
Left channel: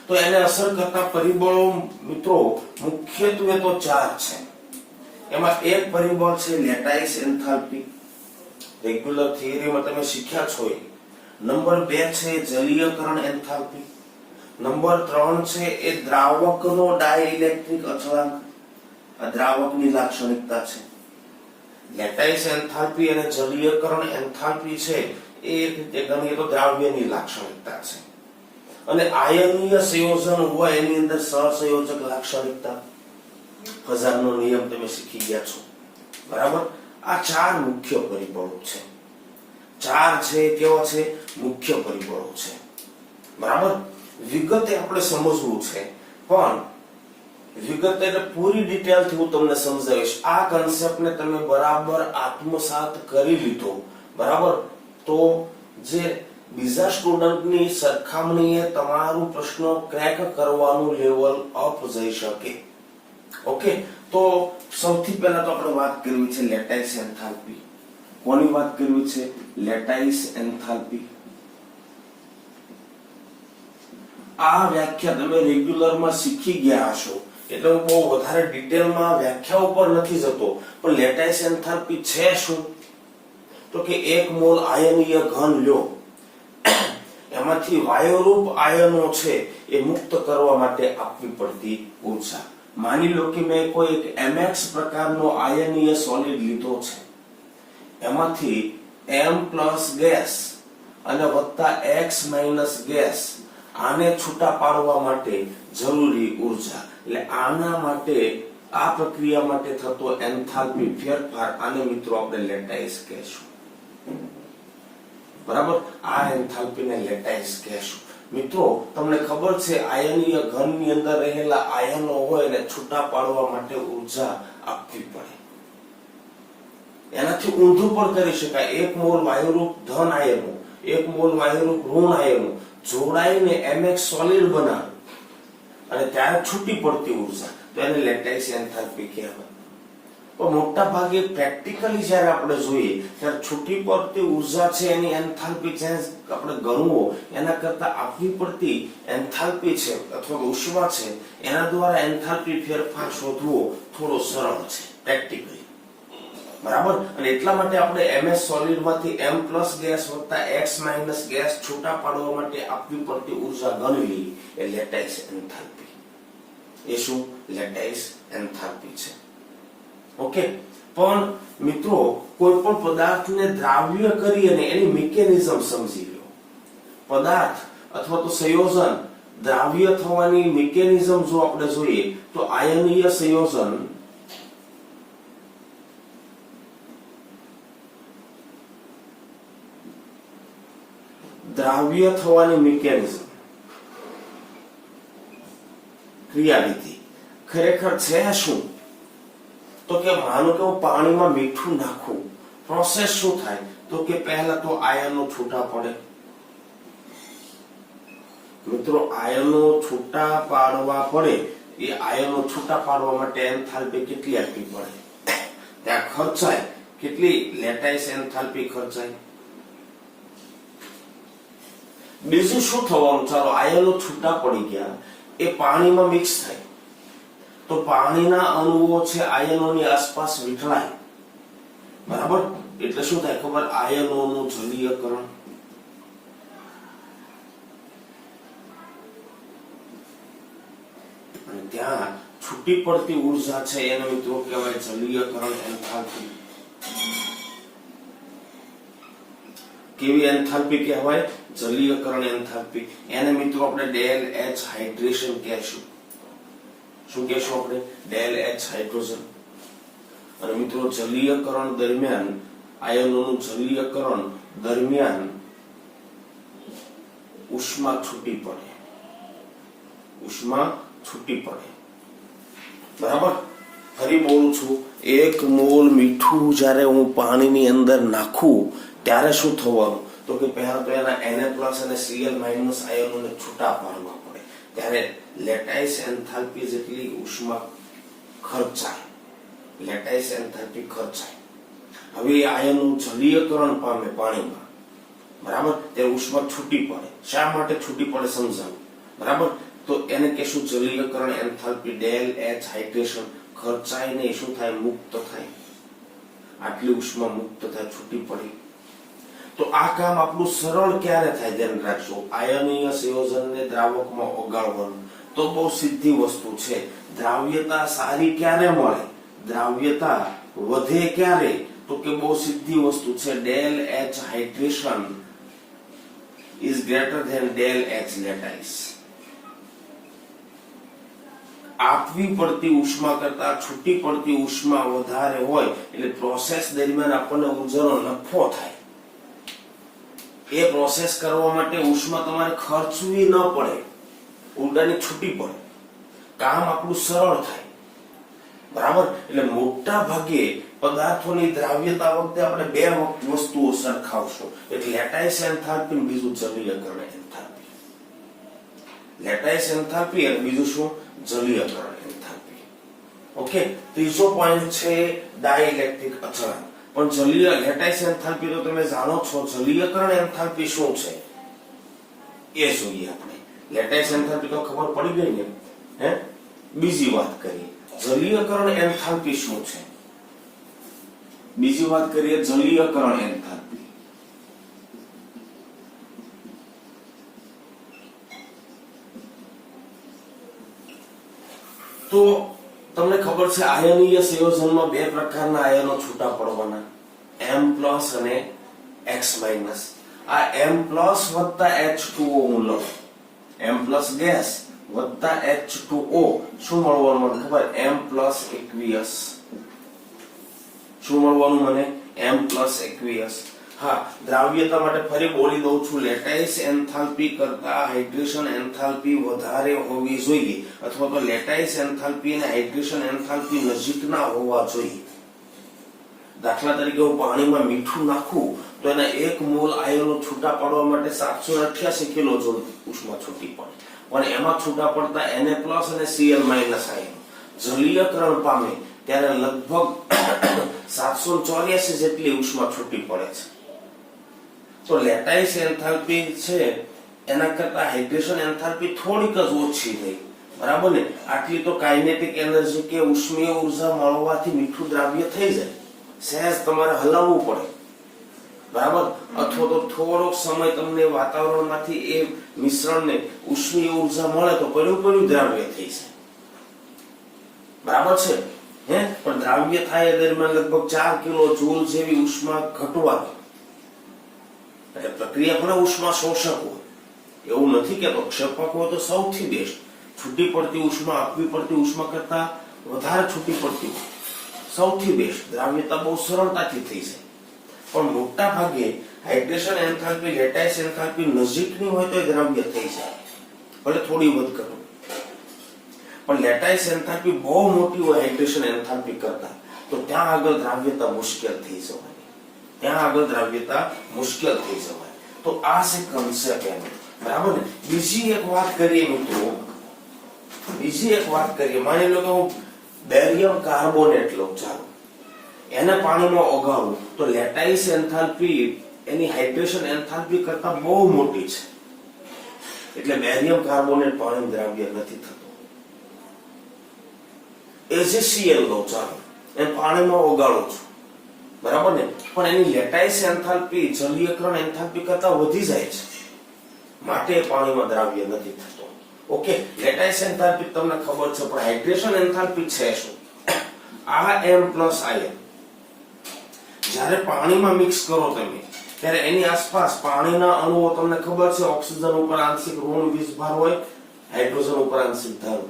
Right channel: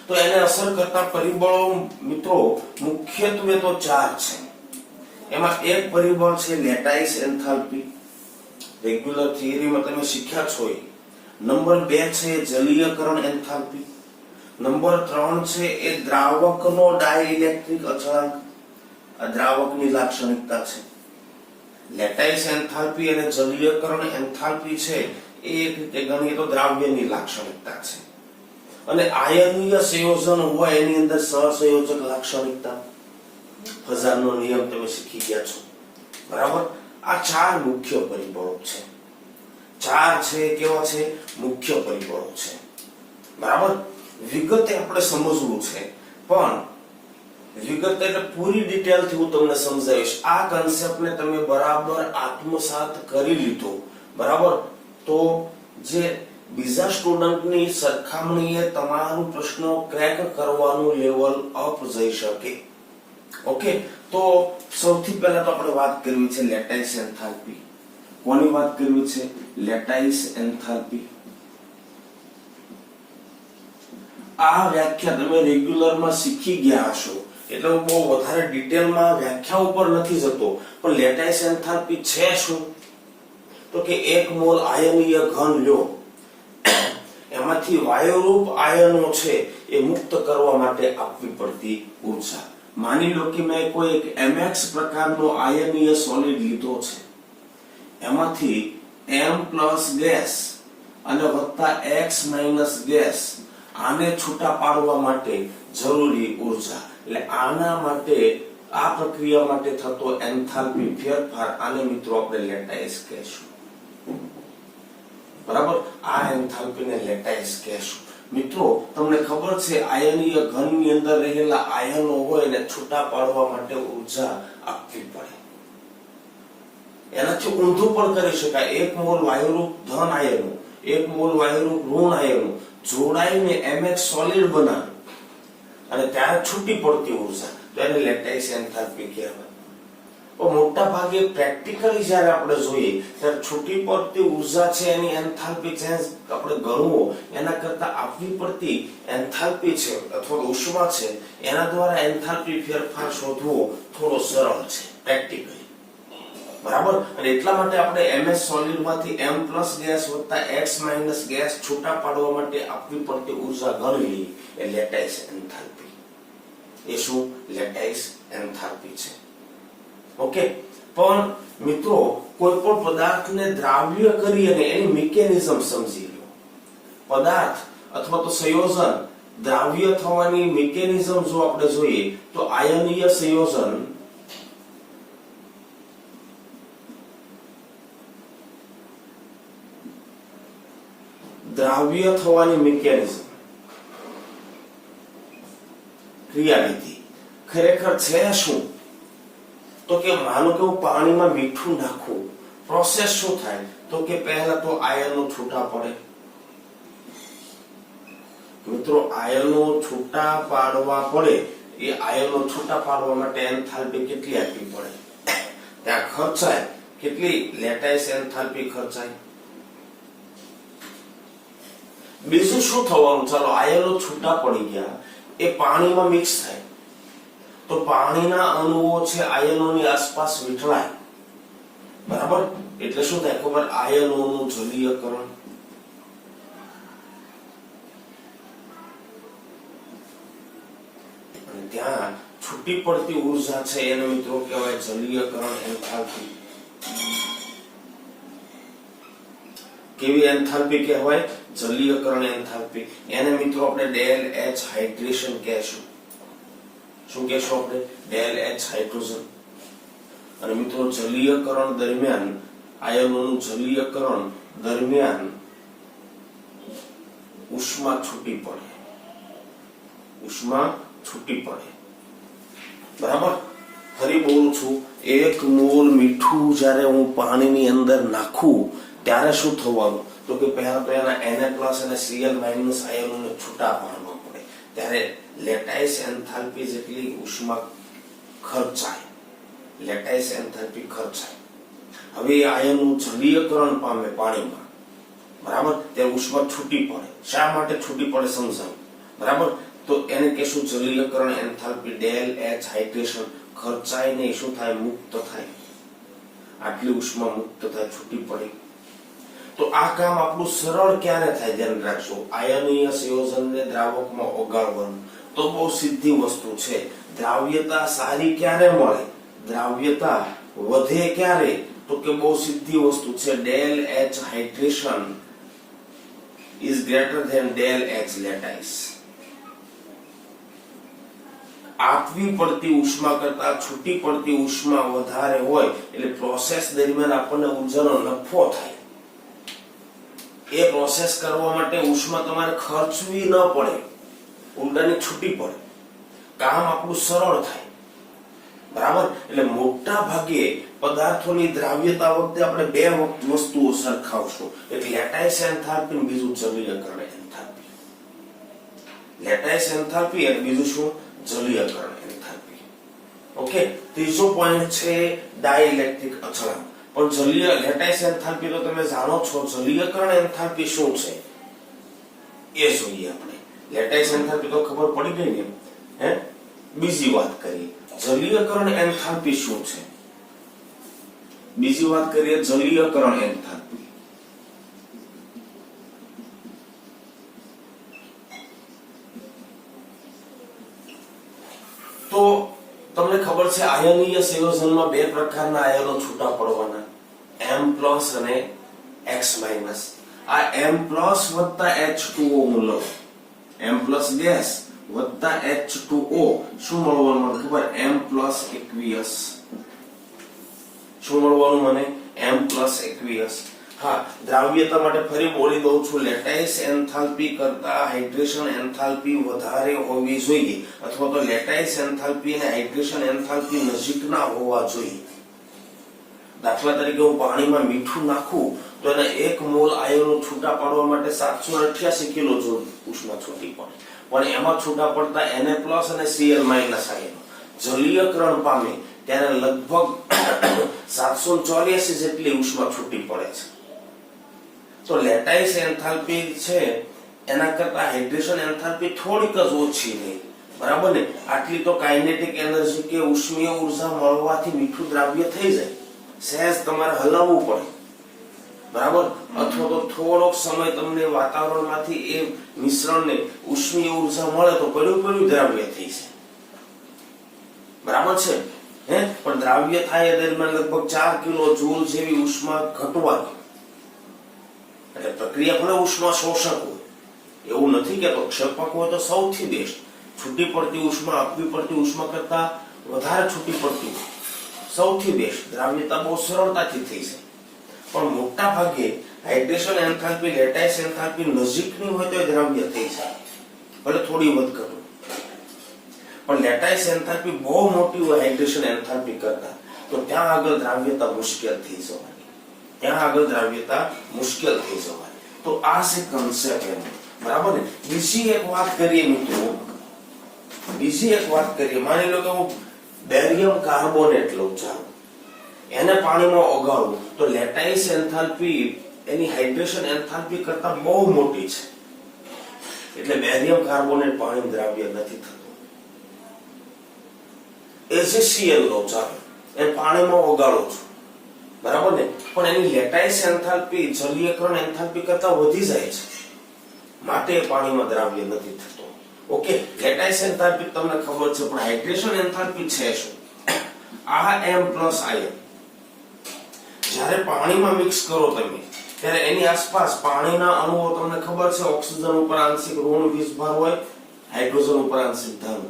તો એને અસર કરતા પરિબળો મિત્રો મુખ્યત્વે તો 4 છે. એમાં એક પરિબળ છે લેટાઇસ એન્થાલ્પી. રેગ્યુલર થિયરીમાં તમે શીખ્યા છો. નંબર 2 છે જલીયકરણ એન્થાલ્પી. નંબર 3 છે એ દ્રાવકનો ડાઇલેક્ટ્રિક અચળાંક. આ દ્રાવકની લાક્ષણિકતા છે. લેટાઇસ એન્થાલ્પી અને જલીયકરણ એન્થાલ્પી છે એ એક રીતે ગણીએ તો દ્રાવ્યની લાક્ષણિકતા છે. અને આયનીય સંયોજન હોય એની અંદર સહસંયોજક લાક્ષણિકતા. ફઝાનનો નિયમ તમે શીખી ગયા છો. બરાબર. આ 4 મુખ્ય પરિબળો છે. 4 છે કેવા છે? મુખ્ય પરિબળો છે. બરાબર. વિગતે આપણે સમજવું છે, પણ વિગત એટલે પૂરી ડિટેલથી હું તમને સમજાવીશ. આ કન્સેપ્ટને તમે બરાબર આત્મસાત કરી લીધો, બરાબર, તો જે બીજા સ્ટુડન્ટની સરખામણીએ તમારું પ્રશ્ન ક્રેક કરવાનું લેવલ અપ જઈ શકે. ઓકે. તો સૌથી પહેલા તો આપણે વાત કરવી છે લેટાઇસ એન્થાલ્પી. કોની વાત કરવી છે? Lattice enthalpy. આ વ્યાખ્યા તમે રેગ્યુલરમાં શીખી ગયા હશો એટલે હું બહુ વધારે ડિટેલમાં વ્યાખ્યા ઉપર નથી જતો, પણ લેટાઇસ એન્થાલ્પી છે શું? તો કે એક મોલ આયનીય ઘન લ્યો, એમાંથી વાયુરૂપ આયનો છે એ મુક્ત કરવા માટે આપવી પડતી ઊર્જા. માની લો કે મેં કોઈ એક mx પ્રકારનો આયનીય સોલિડ લીધો છે, એમાંથી m પ્લસ ગેસ અને વત્તા x માઇનસ ગેસ, આને છૂટા પાડવા માટે જરૂરી ઊર્જા. એટલે આના માટે, આ પ્રક્રિયા માટે થતો એન્થાલ્પી ફેરફાર, આને મિત્રો આપણે લેટાઇસ કહેશું. બરાબર, આ એન્થાલ્પીને લેટાઇસ કહેશું. મિત્રો તમને ખબર છે આયનીય ઘનની અંદર રહેલા આયનો હોય એને છૂટા પાડવા માટે ઊર્જા આપવી પડે. એનાથી ઊંધું પણ કરી શકાય. એક મોલ વાયુરૂપ ધન આયનો, એક મોલ વાયુરૂપ ઋણ આયનો જોડાઈને mx સોલિડ બનાવે અને ત્યારે છૂટી પડતી ઊર્જા, તો એને લેટાઇસ એન્થાલ્પી કહેવાય. પણ મોટા ભાગે પ્રેક્ટિકલી જ્યારે આપણે જોઈએ ત્યારે છૂટી પડતી ઊર્જા છે એની એન્થાલ્પી ચેન્જ આપણે ગણવો એના કરતા આપવી પડતી એન્થાલ્પી છે અથવા ઉષ્મા છે એના દ્વારા એન્થાલ્પી ફેરફાર શોધવો થોડો સરળ છે પ્રેક્ટિકલી. બરાબર, અને એટલા માટે આપણે ms સોલિડ માંથી m પ્લસ ગેસ વત્તા x માઇનસ ગેસ છૂટા પાડવા માટે આપવી પડતી ઊર્જા ગણવી એ લેટાઇસ એન્થાલ્પી. એ શું? લેટાઇસ એન્થાલ્પી છે. ઓકે, પણ મિત્રો કોઈ પણ પદાર્થને દ્રાવ્ય કરી અને એની મિકેનિઝમ સમજી લો. પદાર્થ અથવા તો સંયોજન દ્રાવ્ય થવાની મિકેનિઝમ જો આપણે જોઈએ તો આયનીય સંયોજન દ્રાવ્ય થવાની મિકેનિઝમ, ક્રિયાવિધિ ખરેખર છે શું? તો કે માનો કે હું પાણીમાં મીઠું નાખું, પ્રોસેસ શું થાય? તો કે પહેલા તો આયનો છૂટા પડે. મિત્રો આયનો છૂટા પાડવા પડે, એ આયનો છૂટા પાડવા માટે એન્થાલ્પી કેટલી આપવી પડે? ત્યાં ખર્ચાય કેટલી? Lattice enthalpy ખર્ચાય. બીજું શું થવાનું? ચાલો આયનો છૂટા પડી ગયા, એ પાણીમાં મિક્સ થાય તો પાણીના અણુઓ છે આયનોની આસપાસ વીંટળાય. બરાબર, એટલે શું થાય ખબર? આયનોનું જલીયકરણ. અને ત્યાં છૂટી પડતી ઊર્જા છે એને મિત્રો કહેવાય જલીયકરણ એન્થાલ્પી. કેવી એન્થાલ્પી કહેવાય? જલીયકરણ એન્થાલ્પી. એને મિત્રો આપણે ડેલ એચ હાઇડ્રેશન કહેશું. શું કહેશું આપણે? Del H hydrogen. અને મિત્રો જલીયકરણ દરમિયાન, આયનોનું જલીયકરણ દરમિયાન ઉષ્મા છૂટી પડે. ઉષ્મા છૂટી પડે. બરાબર, ફરી બોલું છું, એક મોલ મીઠું જ્યારે હું પાણીની અંદર નાખું ત્યારે શું થવાનું? તો કે પહેલા તો એના Na+ અને Cl- આયનોને છૂટા પાડવા પડે, ત્યારે લેટાઇસ એન્થાલ્પી જેટલી ઉષ્મા ખર્ચાય. Lattice enthalpy ખર્ચાય. હવે આયનનું જલીયકરણ પામે પાણીમાં, બરાબર, ત્યારે ઉષ્મા છૂટી પડે. શા માટે છૂટી પડે સમજાવું. બરાબર, તો એને કહેશું જલીયકરણ એન્થાલ્પી. ડેલ એચ હાઇડ્રેશન ખર્ચાય નહીં, શું થાય? મુક્ત થાય. આટલી ઉષ્મા મુક્ત થાય, છૂટી પડી. તો આ કામ આપણું સરળ ક્યારે થાય? ધ્યાન રાખજો. આયનીય સંયોજનને દ્રાવકમાં ઓગાળવાનું તો બહુ સીધી વસ્તુ છે. દ્રાવ્યતા સારી ક્યારે મળે? દ્રાવ્યતા વધે ક્યારે? તો કે બહુ સીધી વસ્તુ છે. Del H hydration is greater than del H lattice. આપવી પડતી ઉષ્મા કરતા છૂટી પડતી ઉષ્મા વધારે હોય એટલે પ્રોસેસ દરમિયાન આપણને ઉર્જાનો નફો થાય. એ પ્રોસેસ કરવા માટે ઉષ્મા તમારે ખર્ચવી ન પડે, ઉલટાની છૂટી પડે, કામ આપણું સરળ થાય. બરાબર, એટલે મોટા ભાગે પદાર્થોની દ્રાવ્યતા વખતે આપણે બે વસ્તુઓ સરખાવશું, એક લેટાઇસ એન્થાલ્પી, બીજું જલીયકરણ એન્થાલ્પી. લેટાઇસ એન્થાલ્પી અને બીજું શું? જલીયકરણ એન્થાલ્પી. ઓકે, ત્રીજો પોઈન્ટ છે ડાઇલેક્ટ્રિક અચળાંક. પણ જલીય લેટાઇસ એન્થાલ્પી તો તમે જાણો છો, જલીયકરણ એન્થાલ્પી શું છે એ જોઈએ આપણે. લેટાઇસ એન્થાલ્પી તો ખબર પડી ગઈ ને, હે? બીજી વાત કરીએ, જલીયકરણ એન્થાલ્પી શું છે? બીજી વાત કરીએ જલીયકરણ એન્થાલ્પી. તો તમને ખબર છે આયનીય સંયોજનમાં બે પ્રકારના આયનો છૂટા પડવાના, M+ અને X-. આ M+ વત્તા H2O હું લઉં, M+ ગેસ વત્તા H2O શું મળવાનું મને ખબર? M+ aqueous. શું મળવાનું મને? M+aqueous. હા, દ્રાવ્યતા માટે ફરી બોલી દઉં છું, લેટાઇસ એન્થાલ્પી કરતા હાઇડ્રેશન એન્થાલ્પી વધારે હોવી જોઈએ, અથવા તો લેટાઇસ એન્થાલ્પી અને હાઇડ્રેશન એન્થાલ્પી નજીકના હોવા જોઈએ. દાખલા તરીકે હું પાણીમાં મીઠું નાખું તો એને 1 મોલ આયનો છૂટા પાડવા માટે 788 કિલોજોલ ઉષ્મા છૂટી પડે, પણ એમાં છૂટા પડતા Na+ અને Cl- આયનો જલીયકરણ પામે ત્યારે લગભગ 784 જેટલી ઉષ્મા છૂટી પડે છે. તો લેટાઇસ એન્થાલ્પી છે એના કરતા હાઇડ્રેશન એન્થાલ્પી થોડીક જ ઓછી રહી, બરાબર ને? આટલી તો કાઇનેટિક એનર્જી કે ઉષ્મીય ઉર્જા મળવાથી મીઠું દ્રાવ્ય થઈ જાય, સહેજ તમારે હલાવવું પડે, બરાબર? અથવા તો થોડોક સમય તમને વાતાવરણમાંથી એ મિશ્રણને ઉષ્મીય ઉર્જા મળે તો પડ્યું દ્રાવ્ય થઈ જાય, બરાબર છે? પણ દ્રાવ્ય થાય દરમિયાન લગભગ 4 કિલો જૂલ જેવી ઉષ્મા ઘટવાની. એટલે પ્રક્રિયા ભલે ઉષ્મા શોષક હોય, એવું નથી કે ક્ષેપક હોય તો સૌથી બેસ્ટ, છૂટી પડતી ઉષ્મા આપવી પડતી ઉષ્મા કરતા વધારે છૂટી પડતી સૌથી બેસ્ટ, દ્રાવ્યતા બહુ સરળતાથી થઈ જાય. પણ મોટા ભાગે હાઇડ્રેશન એન્થાલ્પી લેટાઇસ એન્થાલ્પી નજીકની હોય તો દ્રાવ્ય થઈ જાય, ભલે થોડી વધઘટ, પણ લેટાઇસ એન્થાલ્પી બહુ મોટી હોય હાઇડ્રેશન એન્થાલ્પી કરતા, તો ત્યાં આગળ દ્રાવ્યતા મુશ્કેલ થઈ જવાની, તો આ છે કન્સેપ્ટ એનો, બરાબર ને? બીજી એક વાત કરીએ મિત્રો, માની લો કે હું બેરિયમ કાર્બોનેટ લઉં, ચાલો એને પાણીમાં ઓગાળું તો લેટાઇસ એન્થાલ્પી એની હાઇડ્રેશન એન્થાલ્પી કરતા બહુ મોટી છે, એટલે બેરિયમ કાર્બોનેટ પાણી દ્રાવ્ય નથી થતું. AgCl લો, ચાલો એને પાણીમાં ઓગાળો છો, બરાબર ને? પણ એની લેટાઇસ એન્થાલ્પી જલીયકરણ એન્થાલ્પી કરતા વધી જાય છે, માટે પાણીમાં દ્રાવ્ય નથી થતો. ઓકે, લેટાઇસ એન્થાલ્પી તમને ખબર છે, પણ હાઇડ્રેશન એન્થાલ્પી છે શું? આ M+ આયન જ્યારે પાણીમાં મિક્સ કરો તમે ત્યારે એની આસપાસ પાણીના અણુઓ, તમને ખબર છે ઓક્સિજન ઉપર આંશિક ઋણ વીજભાર હોય, હાઇડ્રોજન ઉપર આંશિક ધન.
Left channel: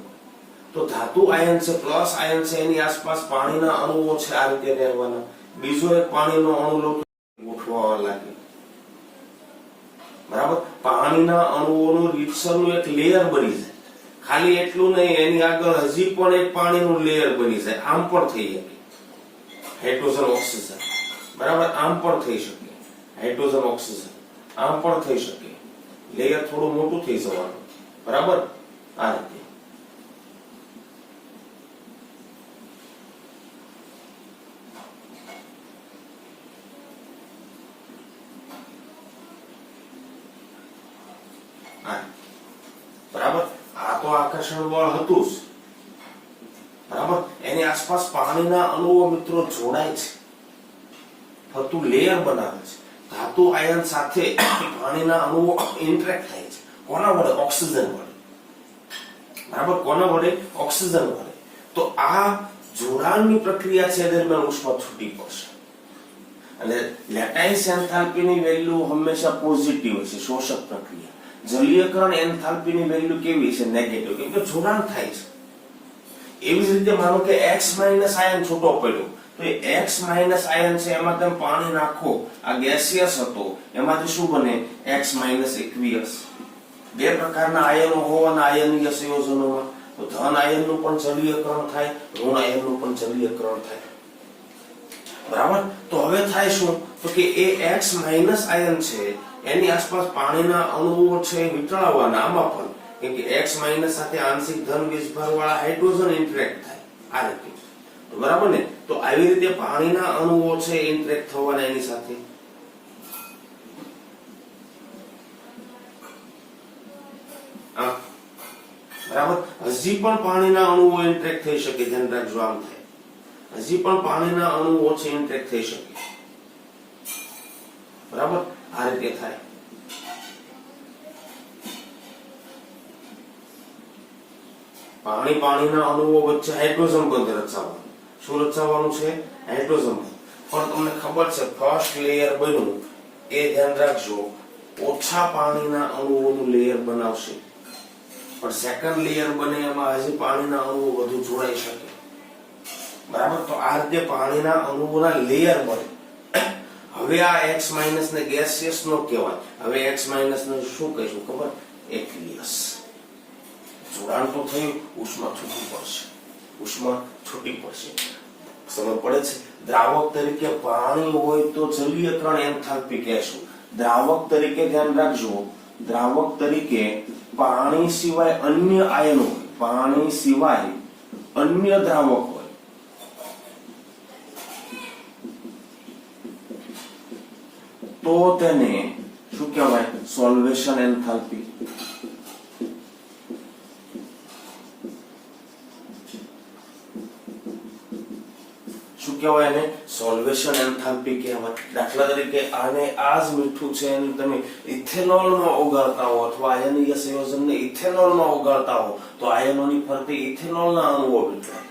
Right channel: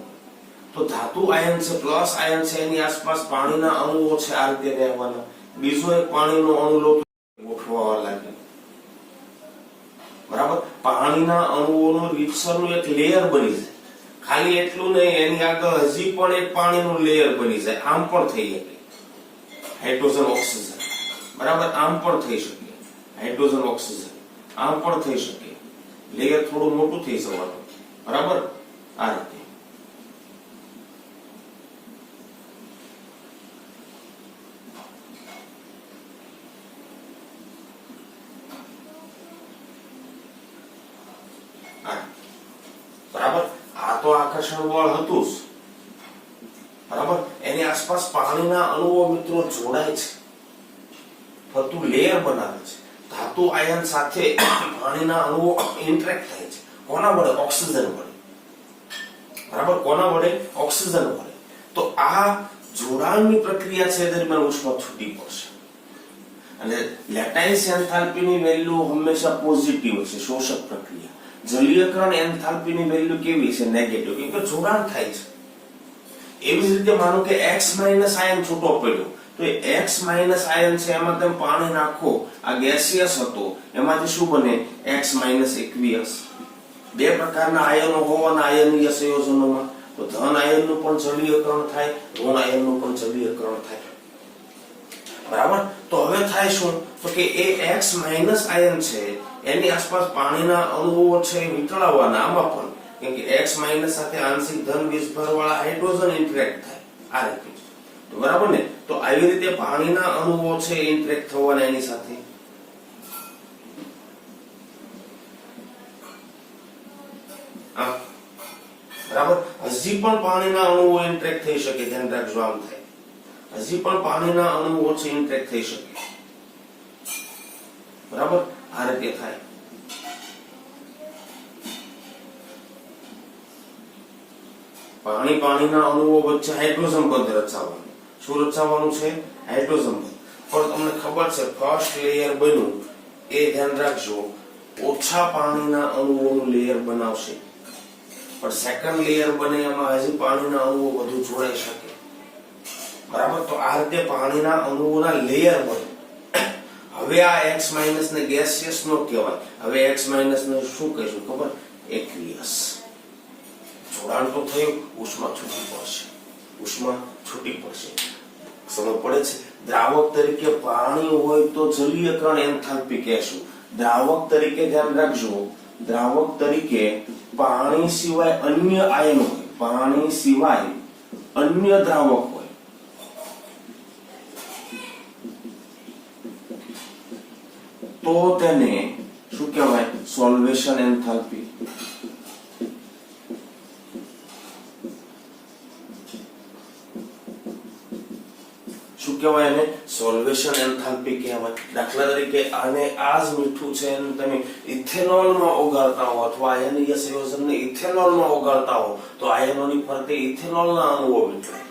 તો ધાતુ આયન છે, પ્લસ આયન છે, એની આસપાસ પાણીના અણુઓ છે, આ રીતે રહેવાના. બીજો એક પાણીનો અણુ લો, ગોઠવાવા લાગે, બરાબર? પાણીના અણુઓનું રીતસરનું એક લેયર બની જાય. ખાલી એટલું નહીં, એની આગળ હજી પણ એક પાણીનું લેયર બની જાય. આમ પણ થઈ શકે હાઇડ્રોજન ઓક્સિજન, બરાબર? આમ પણ થઈ શકે હાઇડ્રોજન ઓક્સિજન, આમ પણ થઈ શકે, લેયર થોડું મોટું થઈ જવાનું, બરાબર? આ રીતે. બરાબર? આ તો આકર્ષણ બળ હતું જ, બરાબર? એની આસપાસ પાણીના અણુઓ મિત્રો જોડાય છે, ફરતું લેયર બનાવે છે. ધાતુ આયન સાથે પાણીના અણુઓ ઇન્ટરેક્ટ થાય છે. કોના વડે? ઓક્સિજન વડે, બરાબર? કોના વડે? ઓક્સિજન વડે. તો આ જોડાણની પ્રક્રિયા છે દરમિયાન ઉષ્મા છૂટી પડશે. અને લેટાઇસ એન્થાલ્પીની વેલ્યુ હંમેશા પોઝિટિવ છે, શોષક પ્રક્રિયા. જલીયકરણ એન્થાલ્પીની વેલ્યુ કેવી છે? નેગેટિવ, કેમ કે જોડાણ થાય છે. એવી જ રીતે માનો કે X- આયન છૂટો પડ્યો, તો X- આયન છે એમાં તમે પાણી નાખો, આ ગેસિયસ હતો, એમાંથી શું બને? X- બે પ્રકારના આયનો હોવાના આયનીય સંયોજનોમાં, તો ધન આયનનું પણ જલીયકરણ થાય, ઋણ આયનનું પણ જલીયકરણ થાય, બરાબર? તો હવે થાય શું? તો કે એ X- આયન છે એની આસપાસ પાણીના અણુઓ છે વિતળાવવાના, આમાં પણ કેમ કે X- સાથે આંશિક ધન વીજભાર વાળા હાઇડ્રોજન ઇન્ટરેક્ટ થાય, આ રીતે, તો બરાબર ને? તો આવી રીતે પાણીના અણુઓ છે ઇન્ટરેક્ટ થવાના એની સાથે. બરાબર? હજી પણ પાણીના અણુઓ ઇન્ટરેક્ટ થઈ શકે, ધ્યાન રાખજો આમ થાય, હજી પણ પાણીના અણુઓ છે ઇન્ટરેક્ટ થઈ શકે, બરાબર, આ રીતે થાય. પાણીના અણુઓ વચ્ચે હાઇડ્રોજન બંધ રચાવવાનું. શું રચાવવાનું છે? હાઇડ્રોજન બંધ. પણ તમને ખબર છે ફર્સ્ટ લેયર બન્યું એ ધ્યાન રાખજો, ઓછા પાણીના અણુઓનું લેયર બનાવશે, પણ સેકન્ડ લેયર બને એમાં હજી પાણીના અણુઓ વધુ જોડાઈ શકે, બરાબર. તો આ રીતે પાણીના અણુઓના લેયર બને. હવે આ X માઇનસ ને ગેસિયસ નો કહેવાય, હવે X માઇનસ ને શું કહીશું ખબર? એક્વિયસ. જોડાણ તો થયું, ઉષ્મા છૂટી પડશે, ઉષ્મા છૂટી પડશે. સમજ પડે છે? દ્રાવક તરીકે પાણી હોય તો જલીયકરણ એન્થાલ્પી કહેશું. દ્રાવક તરીકે ધ્યાન રાખજો, દ્રાવક તરીકે પાણી સિવાય અન્ય આયન હોય, પાણી સિવાય અન્ય દ્રાવક હોય, તો તેને શું કહેવાય? સોલ્વેશન એન્થાલ્પી. શું કહેવાય એને? સોલ્વેશન એન્થાલ્પી કહેવાય. દાખલા તરીકે આને આ જ મીઠું છે અને તમે ઇથેનોલમાં ઓગાળતા હો અથવા આયનીય સંયોજનને ઇથેનોલમાં ઓગાળતા હો તો આયનોની ફરતે ઇથેનોલના અણુઓ વીંટળાય,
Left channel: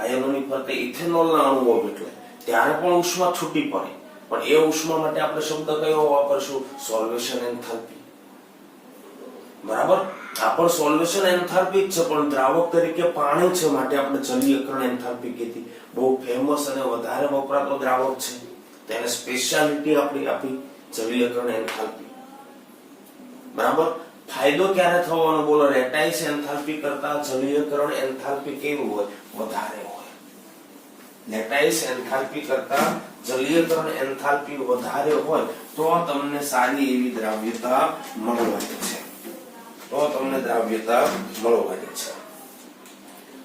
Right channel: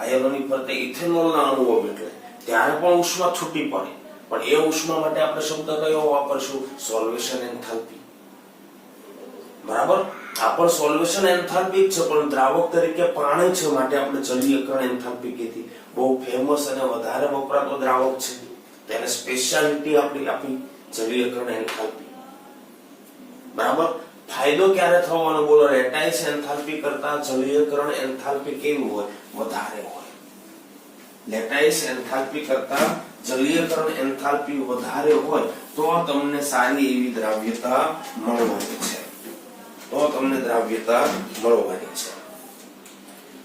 આયનોની ફરતે ઇથેનોલના અણુઓ વીંટળાય, ત્યારે પણ ઉષ્મા છૂટી પડે. પણ એ ઉષ્મા માટે આપણે શબ્દ કયો વાપરશું? સોલ્વેશન એન્થાલ્પી, બરાબર. આ પણ સોલ્વેશન એન્થાલ્પી જ છે, પણ દ્રાવક તરીકે પાણી છે માટે આપણે જલીયકરણ એન્થાલ્પી કીધી. બહુ ફેમસ અને વધારે વપરાતો દ્રાવક છે, તેને સ્પેશિયાલિટી આપણી આપી જલીયકરણ એન્થાલ્પી, બરાબર. ફાયદો ક્યારે થવાનો બોલો? લેટાઇસ એન્થાલ્પી કરતા જલીયકરણ એન્થાલ્પી કેવી હોય? વધારે હોય. લેટાઇસ એન્થાલ્પી કરતા જલીયકરણ એન્થાલ્પી વધારે હોય તો તમને સારી એવી દ્રાવ્યતા મળવાની છે, તો તમને દ્રાવ્યતા મળવાની છે,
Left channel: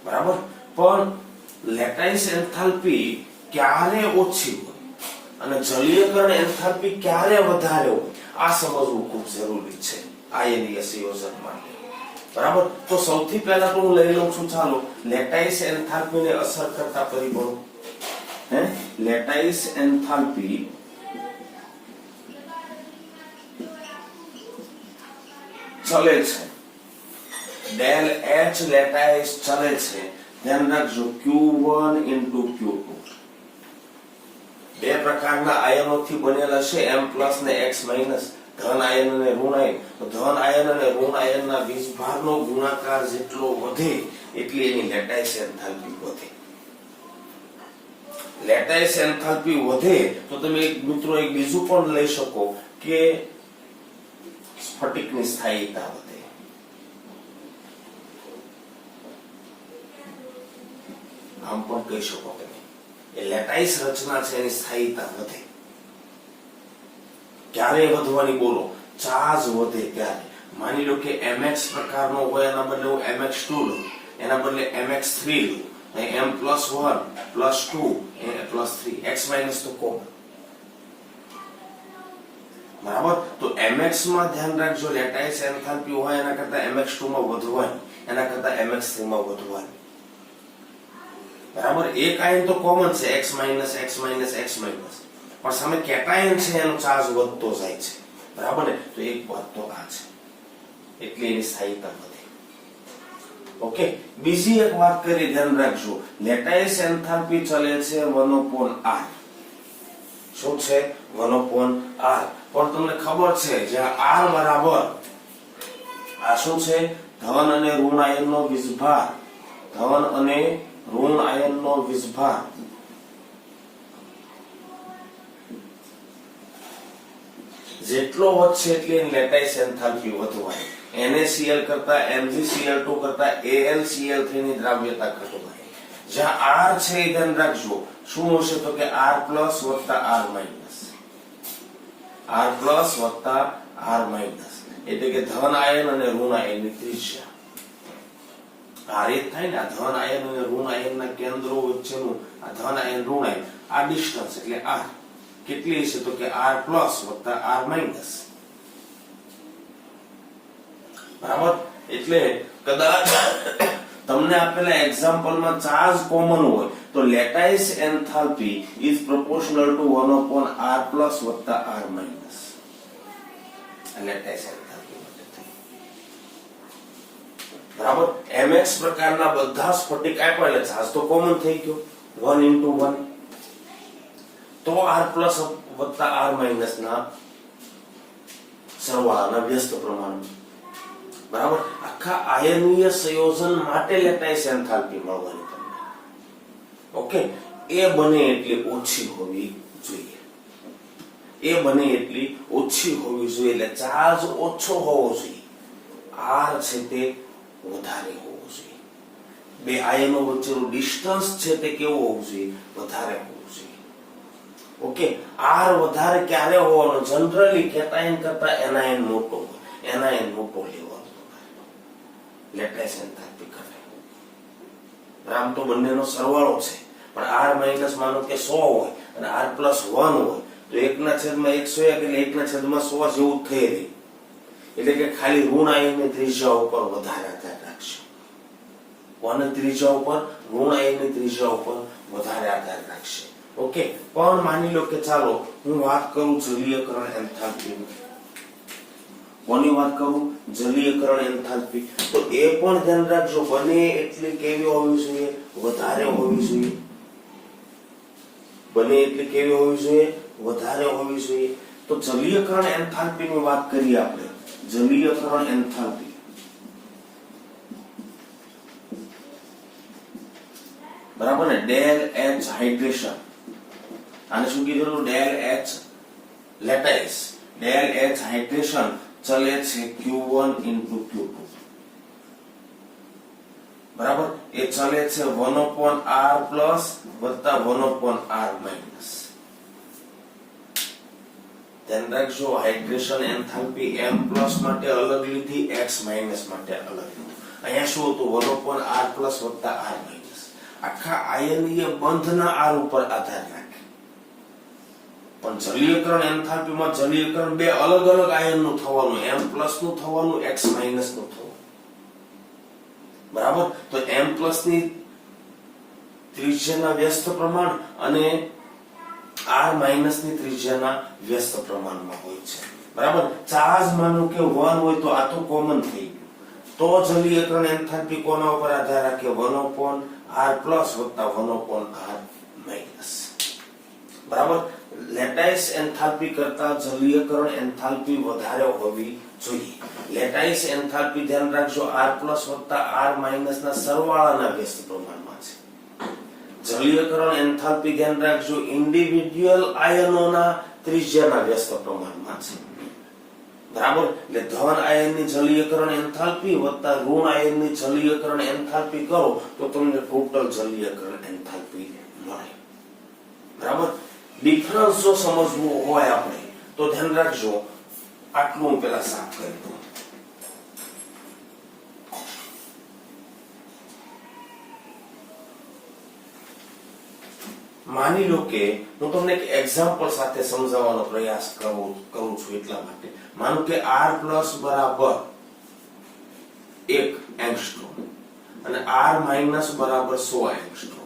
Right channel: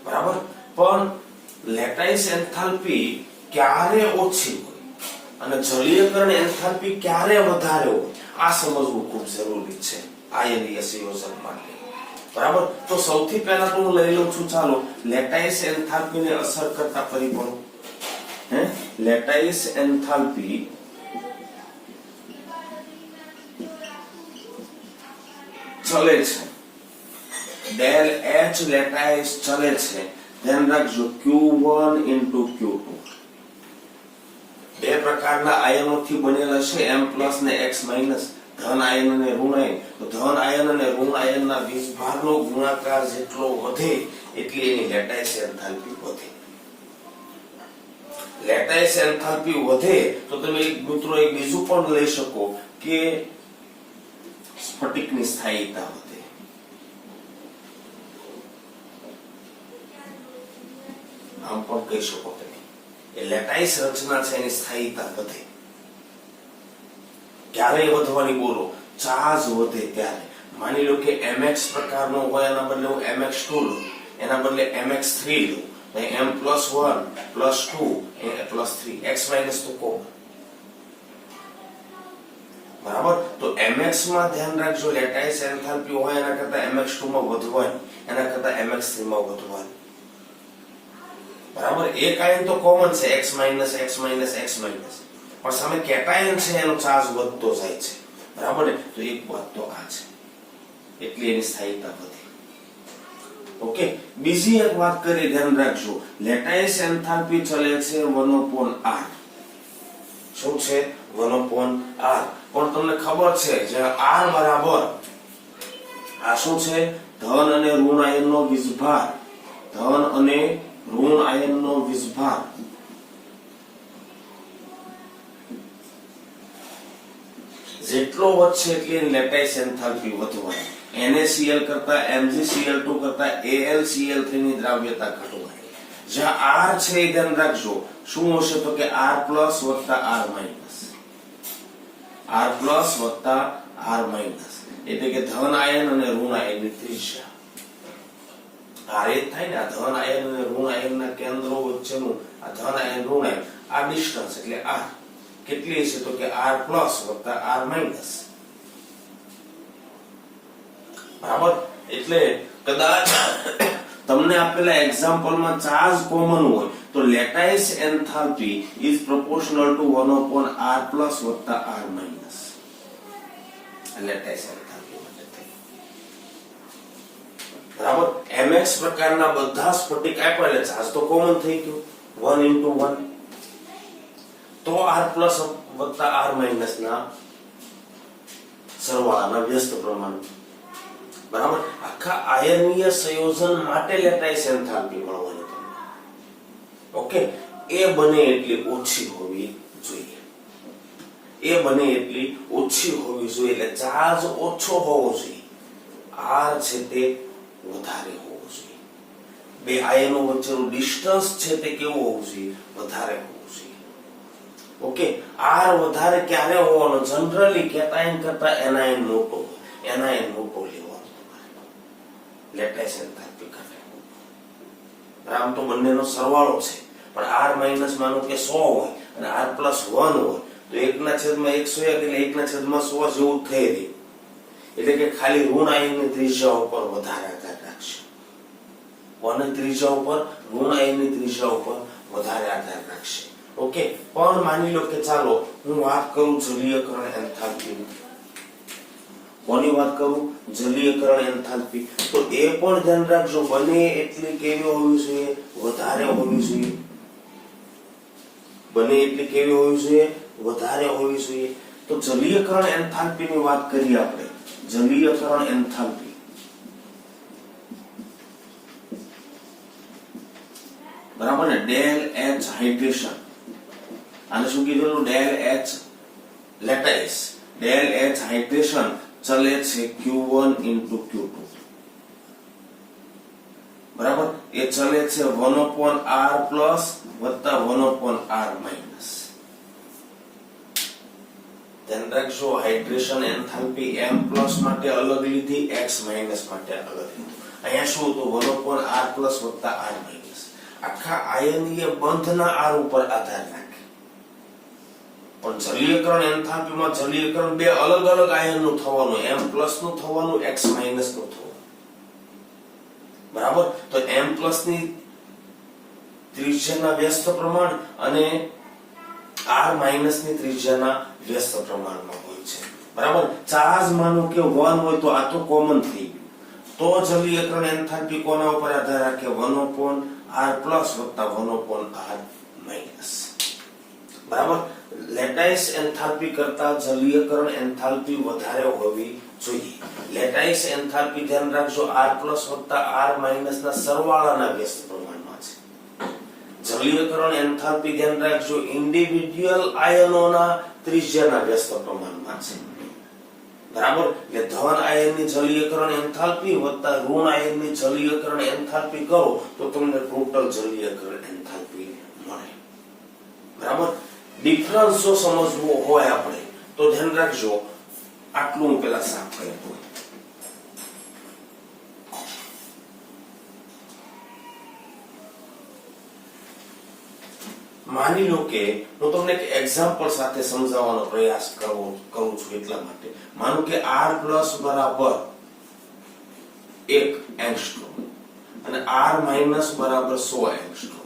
બરાબર. પણ લેટાઇસ એન્થાલ્પી ક્યારે ઓછી હોય અને જલીયકરણ એન્થાલ્પી ક્યારે વધારે હોય, આ સમજવું ખૂબ જરૂરી છે આયનીય સંયોજન માટે, બરાબર. તો સૌથી પહેલા તો હું લઈ લઉં છું, ચાલો, લેટાઇસ એન્થાલ્પીને અસર કરતા પરિબળો. લેટાઇસ એન્થાલ્પી ચલે છે, ડેલ H લેટાઇસ ચલે છે, ધ્યાન રાખજો Q1 into Q2. બે પ્રકારના આયનોથી બનેલા છે, M+ ને X-, ધન આયન અને ઋણ આયન. તો ધન આયન અને ઋણ આયનના વીજભારનો ગુણાકાર જેટલો વધે એટલી એની લેટાઇસ એન્થાલ્પી વધે. લેટાઇસ એન્થાલ્પી વધે તો તમે મિત્રો એક બીજું પણ લઈ શકો કે સ્ફટિકની સ્થાયીતા વધે. આમ પણ કહી શકો તમે, એ લેટાઇસ રચના છે એની સ્થાયીતા વધે. ક્યારે વધવાની બોલો? ચાર્જ વધે ત્યારે. માની લો કે MX પ્રકારનો હોય, એના બદલે હું MX2 લઉં, એના બદલે MX3 લઉં, M+1 +2 +3, X- તો કોમન, બરાબર. તો MX માં ધ્યાન રાખજો, લેટાઇસ એન્થાલ્પી હોય એના કરતા MX2 માં વધવાની, એના કરતા MX3 માં વધવાની, બરાબર. એક આયન તો કોમન છે, X-, X-, X-, પણ સામે કેટાયન છે એનો ચાર્જ વધતો જાય છે, બરાબર ને. તો એક વાત તો આ છે, એટલે એની સ્થાયીતા વધે. ઓકે. બીજી એક વાત કરી, ધ્યાન રાખજો, લેટાઇસ એન્થાલ્પી ચલે છે 1/r. શું છે? 1/r. પણ તમને ખબર છે જ્યાં R બરાબર આ શું છે? ધન અને ઋણ આયનનો વીજભાર, ધન અને ઋણ આયનનો વીજભાર જેટલો વધશે એટલી લેટાઇસ એન્થાલ્પી વધવાની. NaCl કરતા MgCl2 કરતા AlCl3 ની દ્રાવ્યતા ઘટવાની. જ્યાં R છે એ ધ્યાન રાખજો, શું હશે તો કે R+ વત્તા R-, R+ વત્તા R-, એટલે કે ધન આયન અને ઋણ આયનની ત્રિજ્યા. આ રીત થાય ને, આ ધન આયન અને ઋણ આયનના કેન્દ્રો વચ્ચેનું આ ધન આયન ઋણ આયન આ ડિસ્ટન્સ એટલે R કેટલી છે તો કે R+ વત્તા R-, બરાબર. એટલે કદાચ તમને આપેલા એક્ઝામ્પલમાં ચાર્જ કોમન હોય તો lattice enthalpy is proportional to 1/r plus વત્તા r માઇનસ. લેટાઇસ એન્થાલ્પી બરાબર. mx પ્રકારના બધા સ્ફટિક આપ્યા એટલે ચાર્જ તો કોમન થઈ ગયો 1 into 1 તો r પ્લસ વત્તા r માઇનસ ના સરવાળાના વ્યસ્ત પ્રમાણ બરાબર. આખા આયનીય સંયોજન માટે લેટાઇસ એન્થાલ્પી મળવાની તમને. ઓકે, એ બને એટલી ઓછી હોવી જોઈએ. એ બને એટલી ઓછી હોવી જોઈએ એટલે ચાર્જ ઓછો હોવો જોઈએ, r છે તે વધારે હોવો જોઈએ. બે આયનો વચ્ચેનું ડિસ્ટન્સ છે તે કેવું હોવું જોઈએ? વધારે હોવું જોઈએ. ઓકે, r વધારે ક્યારે હોવાનો? જનરલી કેટાયન કરતા એનાયન મોટો, એનાયન મોટો લેવાનો લેટાઇસ એન્થાલ્પી ઘટે. આમ તો બંનેનો સરવાળો છે પણ r માઇનસ માનો કે 100 હોય અને r પ્લસ 1 હોય તો 1/100 એટલે 1/100 જેવું થઈ રહે. એટલે કે ખાલી ઋણ આયનની ત્રિજ્યા ઉપર વધારે આધાર રાખશે. કોની ત્રિજ્યા ઉપર? ઋણ આયનની ત્રિજ્યા ઉપર વધારે આધાર રાખશે. ઓકે, પણ માની લો કે ચાલો હું વાત કરું જલીયકરણ એન્થાલ્પી. કોની વાત કરું? જલીયકરણ એન્થાલ્પી. તો એ પણ ધ્યાન રાખજો બને એટલી કેવી હોવી જોઈએ? વધારે હોવી જોઈએ. બને એટલી કેવી હોવી જોઈએ? વધારે હોવી જોઈએ. તો જલીયકરણ એન્થાલ્પીની વાત કરીએ આપણે. જલીયકરણ એન્થાલ્પી બરાબર ને. ડેલ એચ હાઇડ્રેશન, આને શું કીધું? Del H lattice. Del H hydration ચલે છે Q1 into Q2 બરાબર. એ ચલે છે 1/r પ્લસ વત્તા 1/r માઇનસ. ધ્યાન રાખજો હાઇડ્રેશન એન્થાલ્પી m પ્લસ માટે અલગ લીધી, x માઇનસ માટે અલગ લીધી. અહીંયા શું હતું? 1/r પ્લસ વત્તા r માઇનસ. આખા આયનીય બંધના r ઉપર આધાર રાખે. પણ જલીયકરણ એન્થાલ્પીમાં જલીયકરણ બે અલગ અલગ આયનનું થવાનું, m પ્લસ નું થવાનું, x માઇનસ નું થવાનું બરાબર. તો m પ્લસ ની ત્રિજ્યાના વ્યસ્ત પ્રમાણ અને r માઇનસ ની ત્રિજ્યાના વ્યસ્ત પ્રમાણમાં હોય છે બરાબર. ચાર્જ માનો કે 1 હોય તો આ તો કોમન થઈ ગયું. તો જલીયકરણ એન્થાલ્પી કોના ઉપર આધાર રાખે? 1/r પ્લસ વત્તા 1/r માઇનસ બરાબર. લેટાઇસ એન્થાલ્પી કરતા જલીયકરણ એન્થાલ્પી વધારે હોવી જોઈએ. લેટાઇસ એન્થાલ્પી ધ્યાન રાખજો r પ્લસ વત્તા r માઇનસ ના સરવાળાના વ્યસ્ત પ્રમાણમાં છે. જલીયકરણ એન્થાલ્પી ધ્યાન રાખજો ઇન્ડિવિડ્યુઅલ આયનોના ત્રિજ્યાના વ્યસ્ત પ્રમાણમાં છે બરાબર. એટલે ધન આયનની જલીયકરણ એન્થાલ્પી વત્તા ઋણ આયનની જલીયકરણ એન્થાલ્પી કરો તો તમને ટોટલ જલીયકરણ એન્થાલ્પી મળે બરાબર. ડિફરન્સ જો સમજવો હોય આપણે તો ધ્યાન રાખજો આટલું હું પેલા સાફ કરી દઉં. માની લો કે હું તમને એક એક્ઝામ્પલ સાથે સમજાવવાનો પ્રયાસ કરું છું એટલા માટે. માનો કે r પ્લસ બરાબર 1 એંગસ્ટ્રોમ અને r માઇનસ બરાબર 100 એંગસ્ટ્રોમ.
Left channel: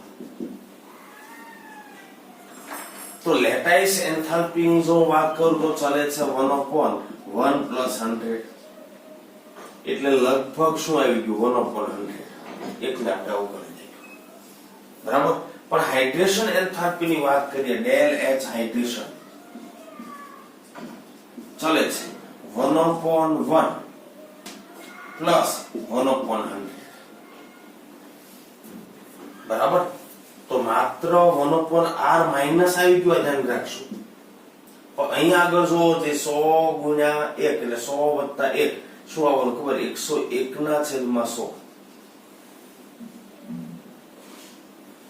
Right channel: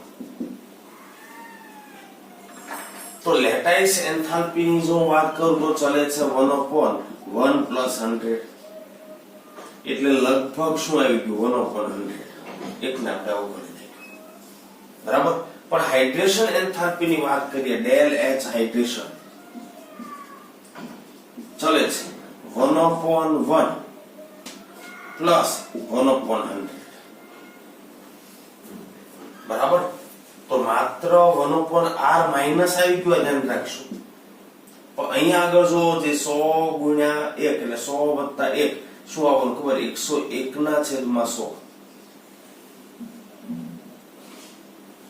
તો લેટાઇસ એન્થાલ્પી ની જો વાત કરું તો ચલે છે 1/1 પ્લસ 100 એટલે લગભગ શું આવી ગયું? 1/100. એક નાટા કરી નાખ્યું બરાબર. પણ હાઇડ્રેશન એન્થાલ્પી ની વાત કરીએ, ડેલ એચ હાઇડ્રેશન ચલે છે 1/1 પ્લસ 1/100 બરાબર. તો માત્ર 1/r માઇનસ આવી ગયું ધ્યાન રાખશું. પણ અહીંયા આગળ જો જે 100 ગુણ્યા 1 એટલે 100 વત્તા 1 શું આવવાનું ખબર? 101 ના છેદમાં 100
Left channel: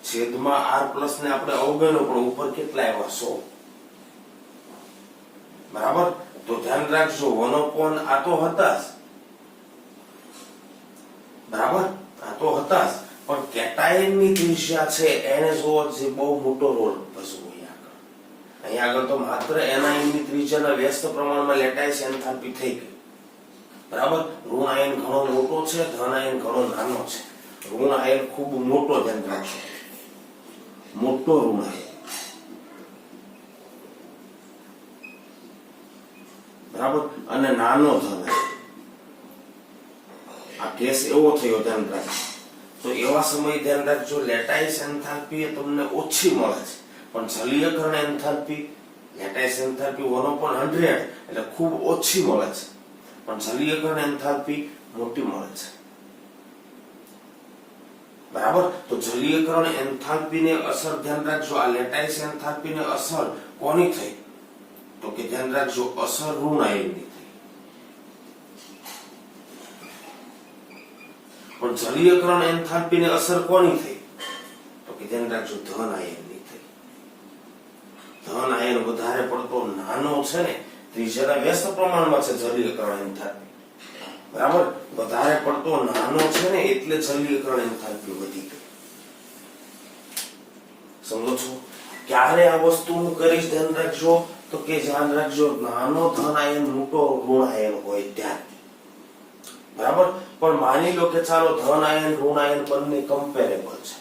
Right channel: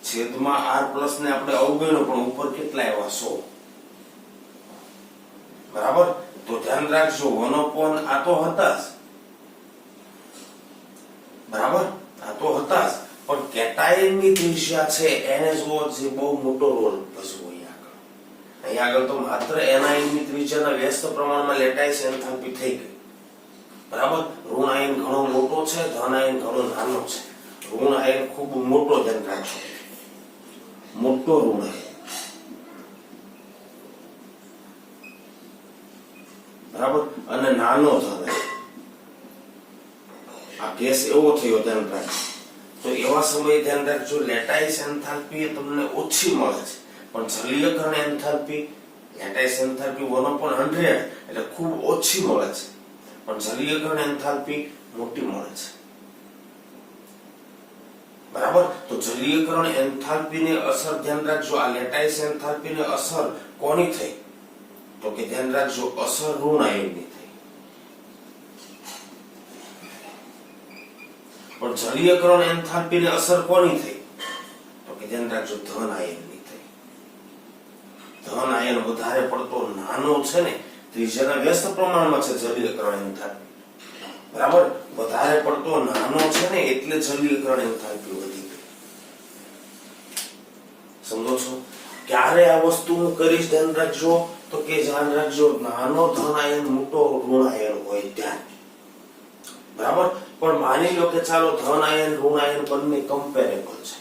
છેદમાં r પ્લસ ને આપણે અવગણ્યો પણ ઉપર કેટલા આવ્યા? 100 બરાબર. તો ધ્યાન રાખજો 1/, આ તો હતા જ બરાબર, આ તો હતા જ પણ કેટાયનની ત્રિજ્યા છે એને જો જે બહુ મોટો રોલ ભજવો. અહીંયા આગળ તો માત્ર એનાયનની ત્રિજ્યાના વ્યસ્ત પ્રમાણમાં લેટાઇસ એન્થાલ્પી થઈ ગઈ બરાબર. ઋણ આયન ઘણો મોટો છે, ધન આયન ઘણો નાનો છે. ઋણ આયન ખૂબ મોટો, ધ્યાન રાખજો, મોટો ઋણ આયન, બરાબર, અને નાનો ધન આયન. આ કેસ એવો થયો, ધ્યાન રાખજો. તો એવા સમયે ધ્યાન રાખજો, લેટાઇસ એન્થાલ્પી તમને ઓછી મળે છે, પણ જલીયકરણ એન્થાલ્પી, લેટાઇસ એન્થાલ્પી 1/100 એટલે ખૂબ ઓછી મળે છે, પણ જલીયકરણ એન્થાલ્પી મોટી મળે છે. બરાબર. તો જલીયકરણ એન્થાલ્પીની અસર ધ્યાન રાખજો, આ લેટાઇસ એન્થાલ્પીની અસર કોની થઈ? તો કે ધ્યાન રાખજો, અસર ઋણ આયનની થઈ. પણ જલીયકરણ એન્થાલ્પીની અસર કોની થઈ? તો કે ધ્યાન રાખજો, ધન આયનની થઈ. ધન આયન વધારે પડતો નાનો છે ને, ત્રિજ્યાના વ્યસ્ત પ્રમાણમાં છે જલીયકરણ એન્થાલ્પી, બરાબર, વધારે પડતો નાનો છે ને એટલે જલીયકરણ એન્થાલ્પી વધી ગઈ. સમજો છો? ક્યારે આ વસ્તુ હું કરીશ ધ્યાન રાખજો, તો કે ધ્યાન રાખજો, નાનો ધન આયન મોટો ઋણ આયન હોય ત્યારે. બરાબર. પણ માની લો કે ચાલો ધન આયન ઋણ આયન બંને કમ્પેરેબલ છે,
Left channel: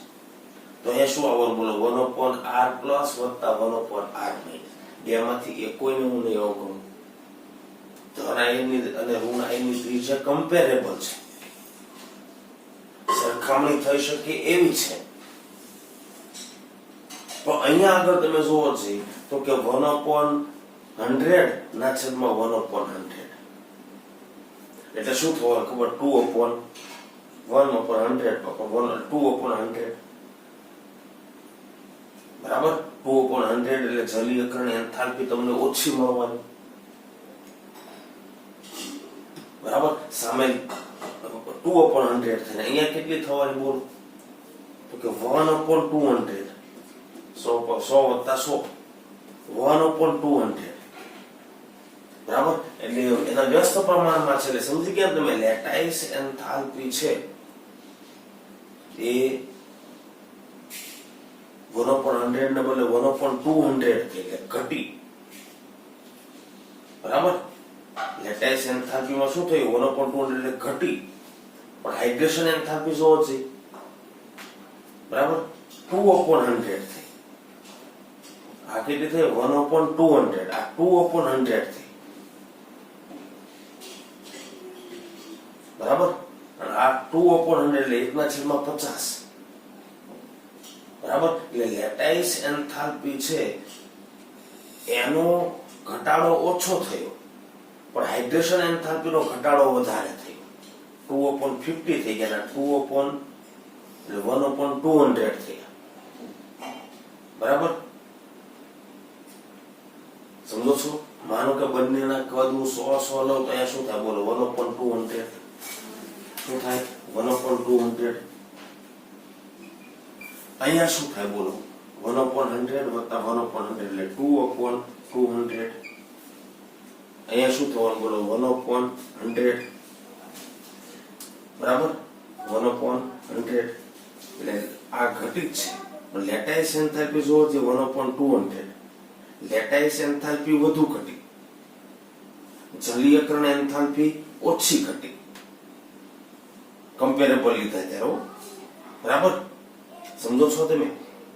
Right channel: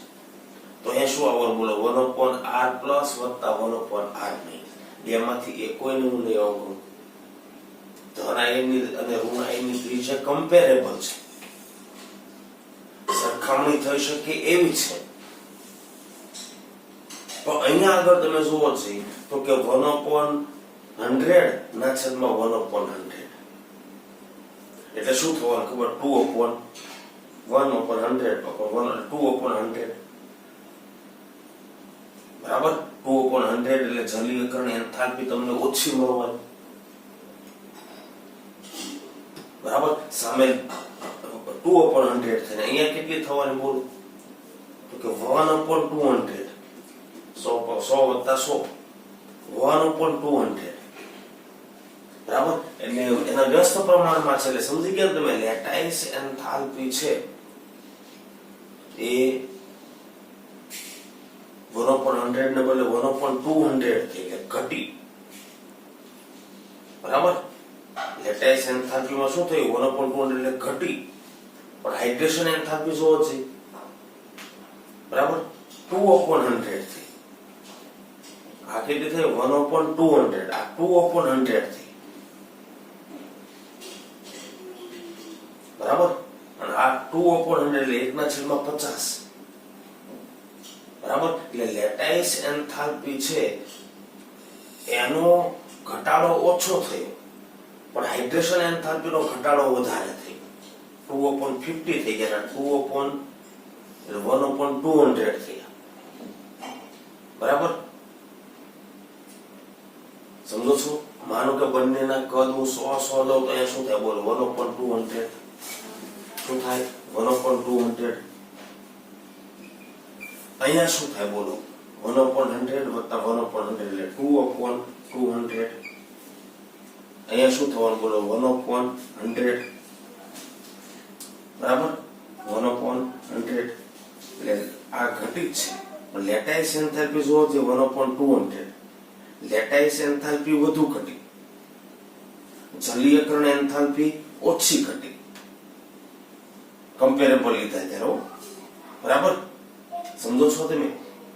તો અહીંયા શું આવવાનું બોલો? 1/r પ્લસ વત્તા 1/r માઇનસ. બેમાંથી એકોયને હું લઈ આવું. ધન આયનની અને ઋણ આયનની ત્રિજ્યા કમ્પેરેબલ છે, સરખામણી થઈ શકે એવી છે. તો અહીંયા આગળ તમે જુઓ છે તો કે 1/100 ના છેદમાં 1/100 એટલે શું થવાનું ખબર? 2/1/100 2/100, બરાબર. 2/100 એટલે જલીયકરણ એન્થાલ્પી તમને ઓછી મળવાની, બરાબર. સામે 2/100 થઈને અહીંયા કેટલી થવાની બોલો? તો કે 1/200, 100 વત્તા 100, 1/200, બરાબર. એટલે એના વ્યસ્ત પ્રમાણમાં છે, એટલે સમજી ગયા તમે? લેટાઇસ એન્થાલ્પી છે એ 1/100 ને બદલે 1/200 થઈ, એટલે ઘટી, બરાબર. લેટાઇસ એન્થાલ્પીમાં શું થયું? 1/200 એટલે ઘટી. પણ હાઇડ્રેશન એન્થાલ્પી જોવો છે, બરાબર, 2/100 થઈ. આ કેટલી થઈ? 1/200. આ 2/100 થઈ, બરાબર. અને આ 2/100 એટલે 1/50, બરાબર. એટલે લેટાઇસ એન્થાલ્પી છે એનો ઘટાડો ઓછો થયો, પણ હાઇડ્રેશન એન્થાલ્પીનો ઘટાડો વધારે થયો. 2/50 થઈ ગયા, 1/200 થયા, બરાબર. સમજો છો? માનો કે બંનેના કદ હું 100 લઉં તો અહીંયા શું થાય બોલો? 1/200 શું થાય? 1/200. અહીંયા શું થાય બોલો? 1/100 વત્તા 1/100 એટલે 2/200. અહીંયા શું થવાનું બોલો? 1/100, બરાબર. 1/100 એટલે આ ઘટી છે. પણ લેટાઇસ એન્થાલ્પી જોવો છે 1/200, લેટાઇસ એન્થાલ્પી વધુ ઘટી, જલીયકરણ એન્થાલ્પી ઓછી ઘટી. કમ્પેરેબલ લીધા ત્યારે, બરાબર. સમજો છો તમે?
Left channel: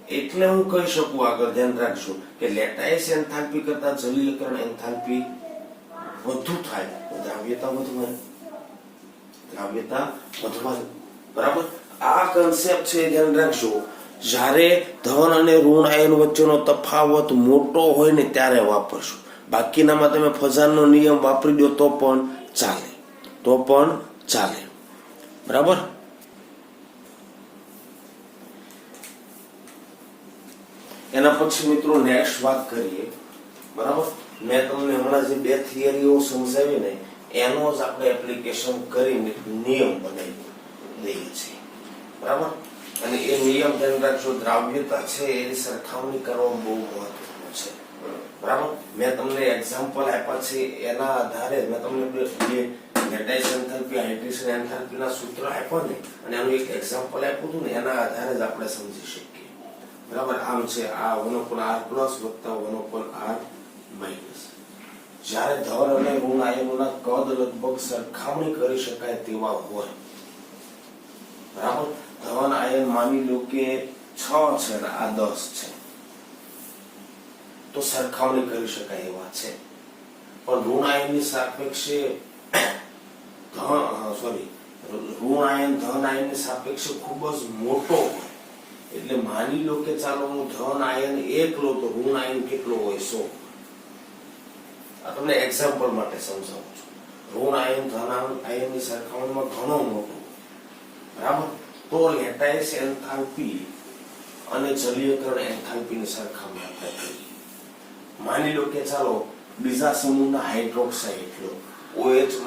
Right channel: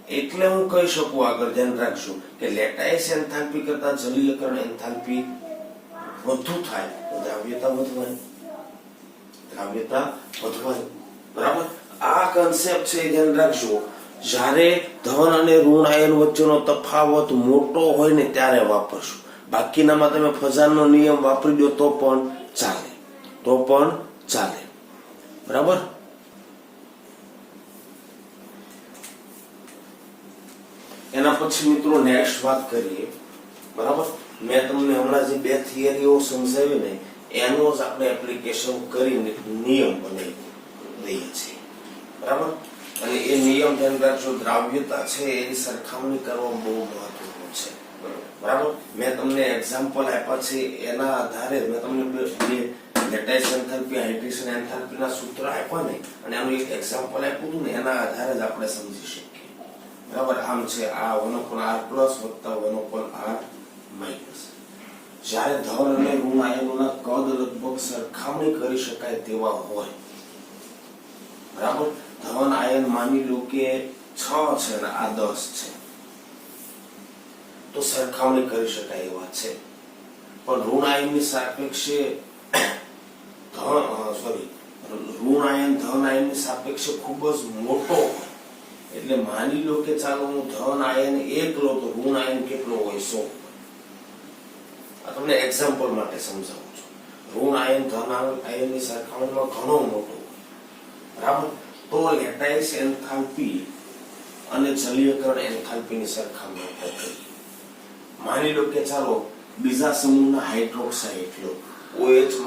એટલે હું કહી શકું આગળ, ધ્યાન રાખજો કે લેટાઇસ એન્થાલ્પી કરતા જલીયકરણ એન્થાલ્પી વધુ થાય તો દ્રાવ્યતા વધવાની, દ્રાવ્યતા વધવાની, બરાબર. આ કન્સેપ્ટ છે, ધ્યાન રાખજો. જ્યારે ધન અને ઋણ આયન વચ્ચેનો તફાવત મોટો હોય ને ત્યારે વાપરશું. બાકીનામાં તમે ફઝાનનો નિયમ વાપરી દો તો પણ ચાલે, બરાબર. એના પછી મિત્રો નેક્સ્ટ વાત કરીએ, બરાબર. મેં તમને હમણાં જે 2 થિયરીઓ સમજાવી ને એનો જ આપણે એપ્લિકેશન કરીને નિયમ બનાવી લઈએ છીએ, બરાબર. અને એ નિયમ ધ્યાન રાખજો, દ્રાવ્યતા છે એની સરખામણી કરવા બહુ મહત્વનું છે, બરાબર. મેં તમને એક્ઝામ્પલ આપ્યા છે, એના આધારે મેં તમને લેટાઇસ એન્થાલ્પી, હાઇડ્રેશન એન્થાલ્પીના સૂત્ર આપ્યા ને, અને આનું એક એક્ઝામ્પલ આપ્યું હતું ને, એના આધારે જ આપણે સમજી શકીએ, બરાબર. આમ છે આ 1/r પ્લસ વત્તા 1/r માઇનસ. જ્યારે ધન અને ઋણ આયનોના કદ લગભગ સરખામણી કરી શકાય તેવા હોય, બરાબર. ધન માની લો કે 6 છે અને આ 10 છે, તો સરખામણી કરી શકાય એવા છે. પણ ઋણ આયનની સાપેક્ષે ઋણ આયન ધન આયનની સાપેક્ષે ખૂબ જ મોટો હોય. એટલે માની લો કે ચાલો હું ધન આયન 1 લો તો ઋણ આયન કેટલો હોય? 100. આ તમને એક્ઝામ્પલ માટે સમજાવું છું. ઋણ આયન ધન આયનની સરખામણીમાં ઘણો મોટો, બરાબર. તો લેટાઇસ એન્થાલ્પી અને જલીયકરણ એન્થાલ્પીની સરખામણી આપણે કરીએ. માની લો કે ચાલો બીજા સમૂહના હાઇડ્રોક્સાઇડ લો, OH- Cl-